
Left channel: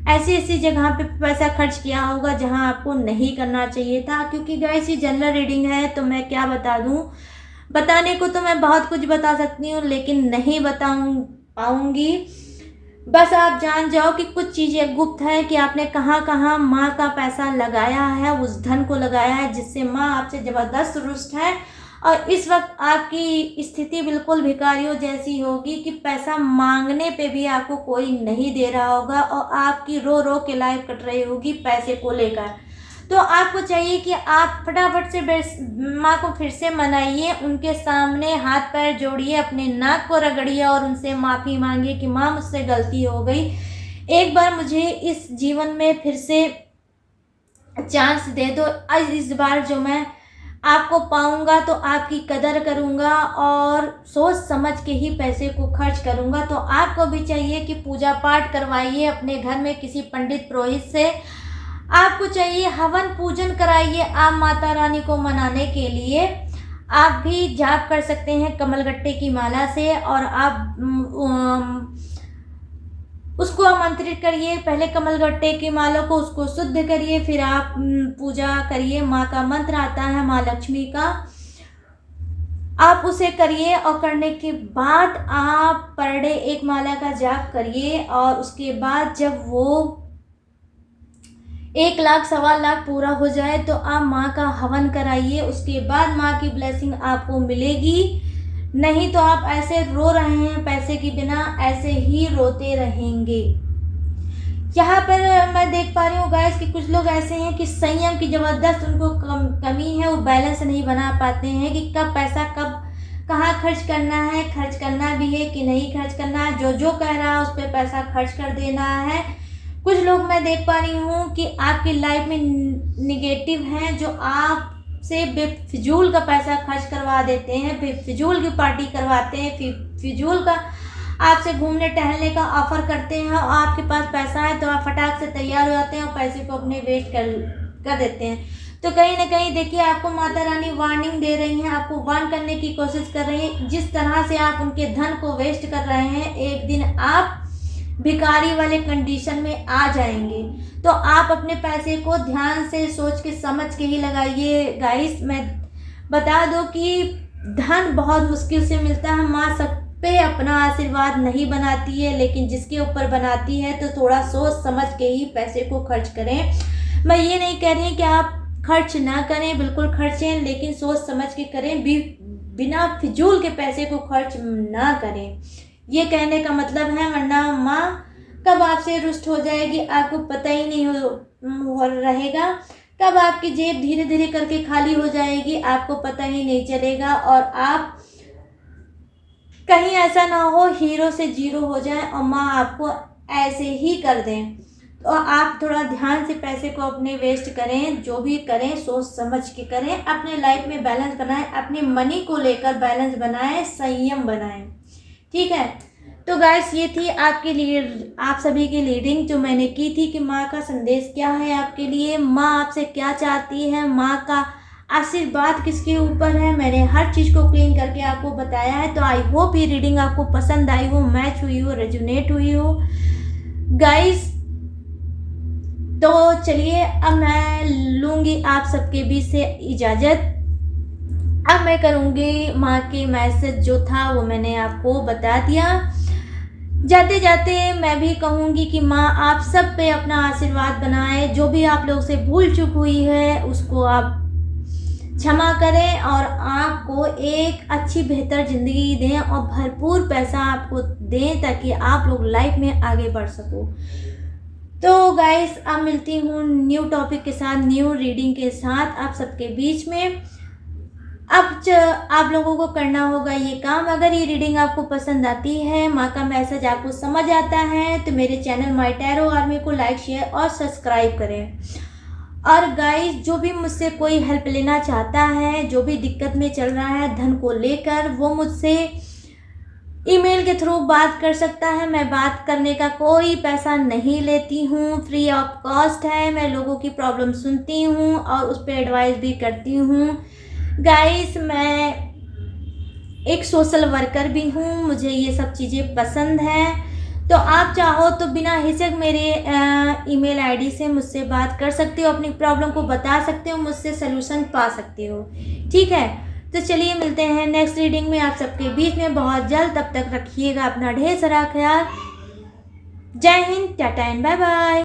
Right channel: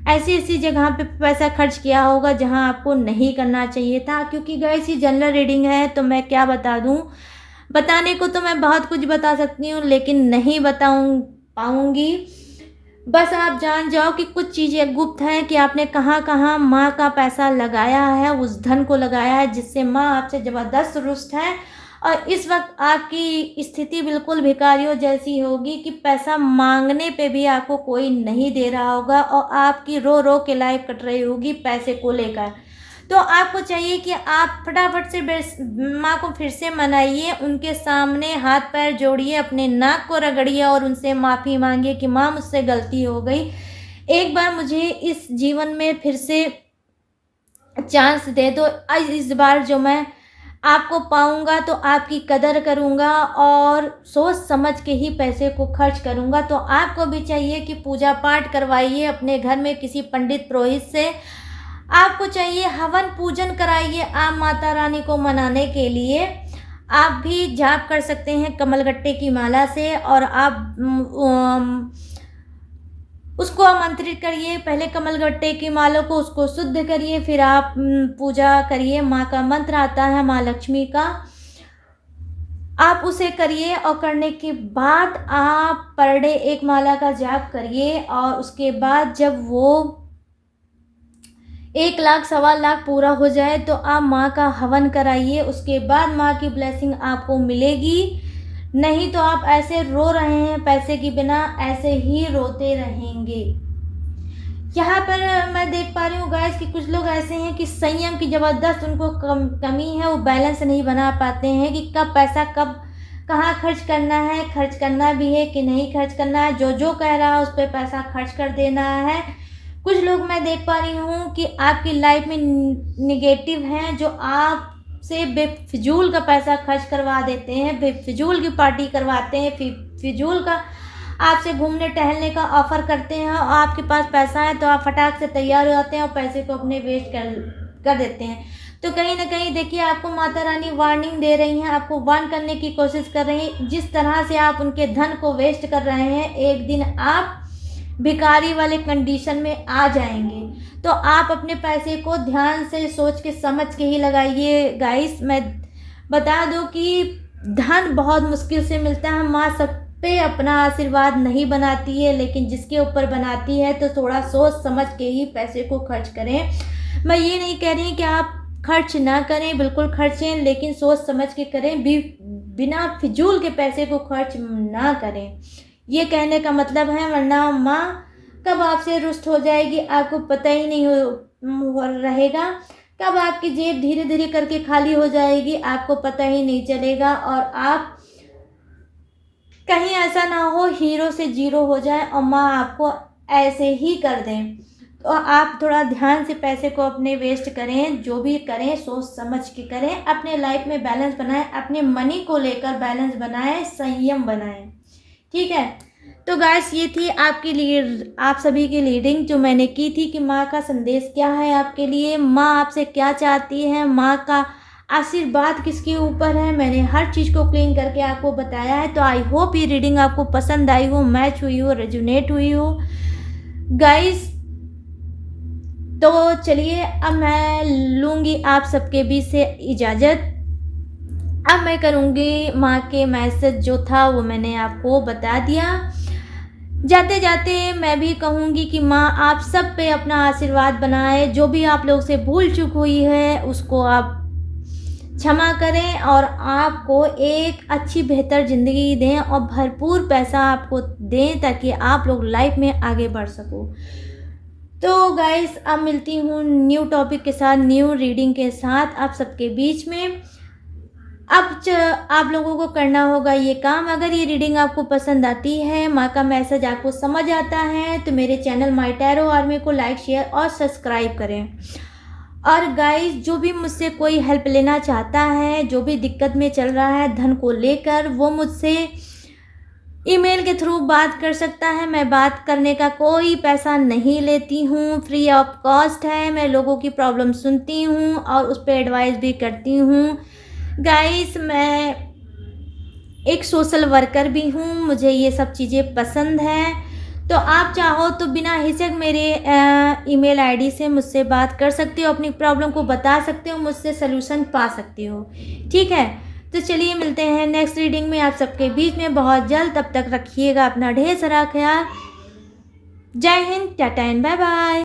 ऐसी ऐसी जगह पे पैसा खर्च किया होगा जहां आपको नहीं करना चाहिए था। क्योंकि गाइस ये जनरल रीडिंग है तो मैं क्या बता दूं, बताने को तो मैं बहुत कुछ बता सकती हूँ लेकिन नहीं पाऊंगी। बस आप जान जाओ कि कुछ चीज़ें गुप्त हैं कि आपने कहाँ कहाँ माँ का पैसा लगाया है, उस धन को लगाया है जिससे माँ आपसे ज़बरदस्त रुष्ट है। और इस वक्त आपकी स्थिति बिल्कुल भिखारियों जैसी होगी कि पैसा मांगने पे भी आपको कोई नहीं दे रहा होगा और आपकी रो रो के लाइफ कट रही होगी पैसे को लेकर। तो आपको चाहिए कि आप फटाफट से माँ को फिर से मनाइए, उनके सामने हाथ पैर जोड़िए, अपने नाक को रगड़िए और उनसे माफ़ी मांगिए कि माँ मुझसे गलती हो गई, एक बार मुझे इस जीवन में फिर से चांस दे दो। इस बार जो मैं आपको पाऊंगा तो आपकी कदर करूंगा और सोच समझ के ही पैसे को खर्च करूंगा। तो आपको भी चाहिए कि पूजा पाठ करवाइए अपने घर में किसी पंडित पुरोहित से। आपको चाहिए हवन पूजन कराइए आप माता रानी को मनाने के लिए। आप भी जाप कर सकते हैं कमलगट्टे की माला से और आप उसको आमंत्रित करिए। पहले कमलगट्टे की माला को उसको शुद्ध करिए, फिर आप पूजा करिए। माँ का मंत्र आता है माँ लक्ष्मी का, आप उसे करिए और करने के बाद आप पर डे एक माला का जाप करिए। और उसके बाद जब वो 1 लाख 1.25 लाख पूरा हो जाए तो आप माँ का हवन कराइए। उसके बाद माँ की ब्लेसिंग आपको मिलेगी। नहीं तो आप ऐसे रो रहे हैं पैसे के बिना, ऐसे ही रोते रहेंगे। यहाँ पर मैं देख पा रही हूँ गाइस कि कुछ लोग ऐसे हैं कि संयम की ज़बरदस्त उनको कमी है, वो बैलेंस नहीं बना पाते हैं कि कब पैसा कब कहाँ खर्च करना है, खर्च करना भी है कि नहीं खर्च करना है, जो जो कह रहा है उस पर पैसा खर्च कर देना है। कुछ लोग मैं देख पा रही हूँ कि आपकी लाइफ में निगेटिव हैं, जो आपसे बेफिजूल का पैसा खर्च करवा देते हैं, बेफिजूल की पार्टी करवाते हैं, फिजूल का आपसे घूमने टहलने का ऑफर करते हैं, और आपके पास पैसा है तो आप फटाक से तैयार हो जाते हैं और पैसे को अपने वेस्ट कर देते हैं। तो कहीं ना कहीं देखिए, आपको माता रानी वार्निंग दे रही हैं, आपको वार्न करने की कोशिश कर रही हैं। जिस तरह से आप उनके धन को वेस्ट कर रहे हैं, एक दिन आप भिखारी वाले कंडीशन में आ जाएंगे। तो आप अपने पैसे को ध्यान से सोच के समझ के ही लगाइए गाइस। मैं बता दूं कि धन बहुत मुश्किल से मिलता है। माँ सब पे अपना आशीर्वाद नहीं बनाती है, लेकिन जिसके ऊपर बनाती है तो थोड़ा सोच समझ के ही पैसे को खर्च करें। मैं ये नहीं कह रही कि आप खर्च ना करें, बिल्कुल खर्चें, लेकिन सोच समझ के करें, बिना फिजूल के पैसे को खर्च ना करें, ये कहने का मतलब है। वरना माँ कब आपसे रुष्ट हो जाएगी आपको पता ही नहीं हो रहेगा, कब आपकी जेब धीरे धीरे करके खाली हो जाएगी आपको पता ही नहीं चलेगा, और आप कहीं ऐसा ना हो हीरो से जीरो हो जाए और माँ आपको ऐसे ही कर दें। तो आप थोड़ा ध्यान से पैसे को अपने वेस्ट करें, जो भी करें सोच समझ के करें, अपने लाइफ में बैलेंस बनाएं, अपने मनी को लेकर बैलेंस बनाएं, संयम बनाएं, ठीक है। तो गाइस, ये थी आपके लिए, आप सभी की रीडिंग जो मैंने की थी कि माँ का संदेश क्या है आपके लिए, माँ आपसे क्या चाहती है, माँ का आशीर्वाद किसके ऊपर है। मैंने हर चीज़ को क्लीन करके आपको बताया है। तो आई होप ये रीडिंग आपको पसंद आई हो, मैच हुई हो, रेजोनेट हुई हो गाइस। तो चलिए, अब मैं लूँगी आप सबके बीच से इजाज़त। अब मैं करूँगी माँ के मैसेज जो था वो मैंने आपको बता दिया। जाते जाते मैं भी कहूँगी कि माँ आप सब पे अपना आशीर्वाद बनाए, जो भी आप लोग से भूल चूक हुई है उसको आप क्षमा करें, और आपको एक अच्छी बेहतर ज़िंदगी दें और भरपूर पैसा आपको दें, ताकि आप लोग लाइफ में आगे बढ़ सको। तो गाइस, अब मिलती हूँ न्यू टॉपिक के साथ, न्यू रीडिंग के साथ आप सबके बीच में। अब आप लोगों को करना होगा ये काम, अगर ये रीडिंग आपको पसंद आती है, माँ का मैसेज आपको समझ आता है, तो मेरे चैनल माय टैरो आर्मी को लाइक शेयर और सब्सक्राइब करें। और गाइस, जो भी मुझसे कोई हेल्प लेना चाहता है, जो भी दिक्कत में चल रहा है धन को लेकर, वो मुझसे ईमेल के थ्रू बात कर सकता है। मैं बात करने का कोई पैसा नहीं लेती हूँ, फ्री ऑफ कॉस्ट है। मैं लोगों की प्रॉब्लम सुनती हूँ और उस पर एडवाइस भी करती हूँ गाइस। मैं एक सोशल वर्कर भी हूँ, मुझे ये सब चीज़ें पसंद हैं। तो आप चाहो तो बिना हिचक मेरे ईमेल आईडी से मुझसे बात कर सकते हो, अपनी प्रॉब्लम को बता सकते हो, मुझसे सलूशन पा सकते हो, ठीक है। तो चलिए, मिलते हैं नेक्स्ट रीडिंग में आप सबके बीच में बहुत जल्द। तब तक रखिएगा अपना ढेर सारा ख्याल। जय हिंद, टाटा एंड बाय बाय।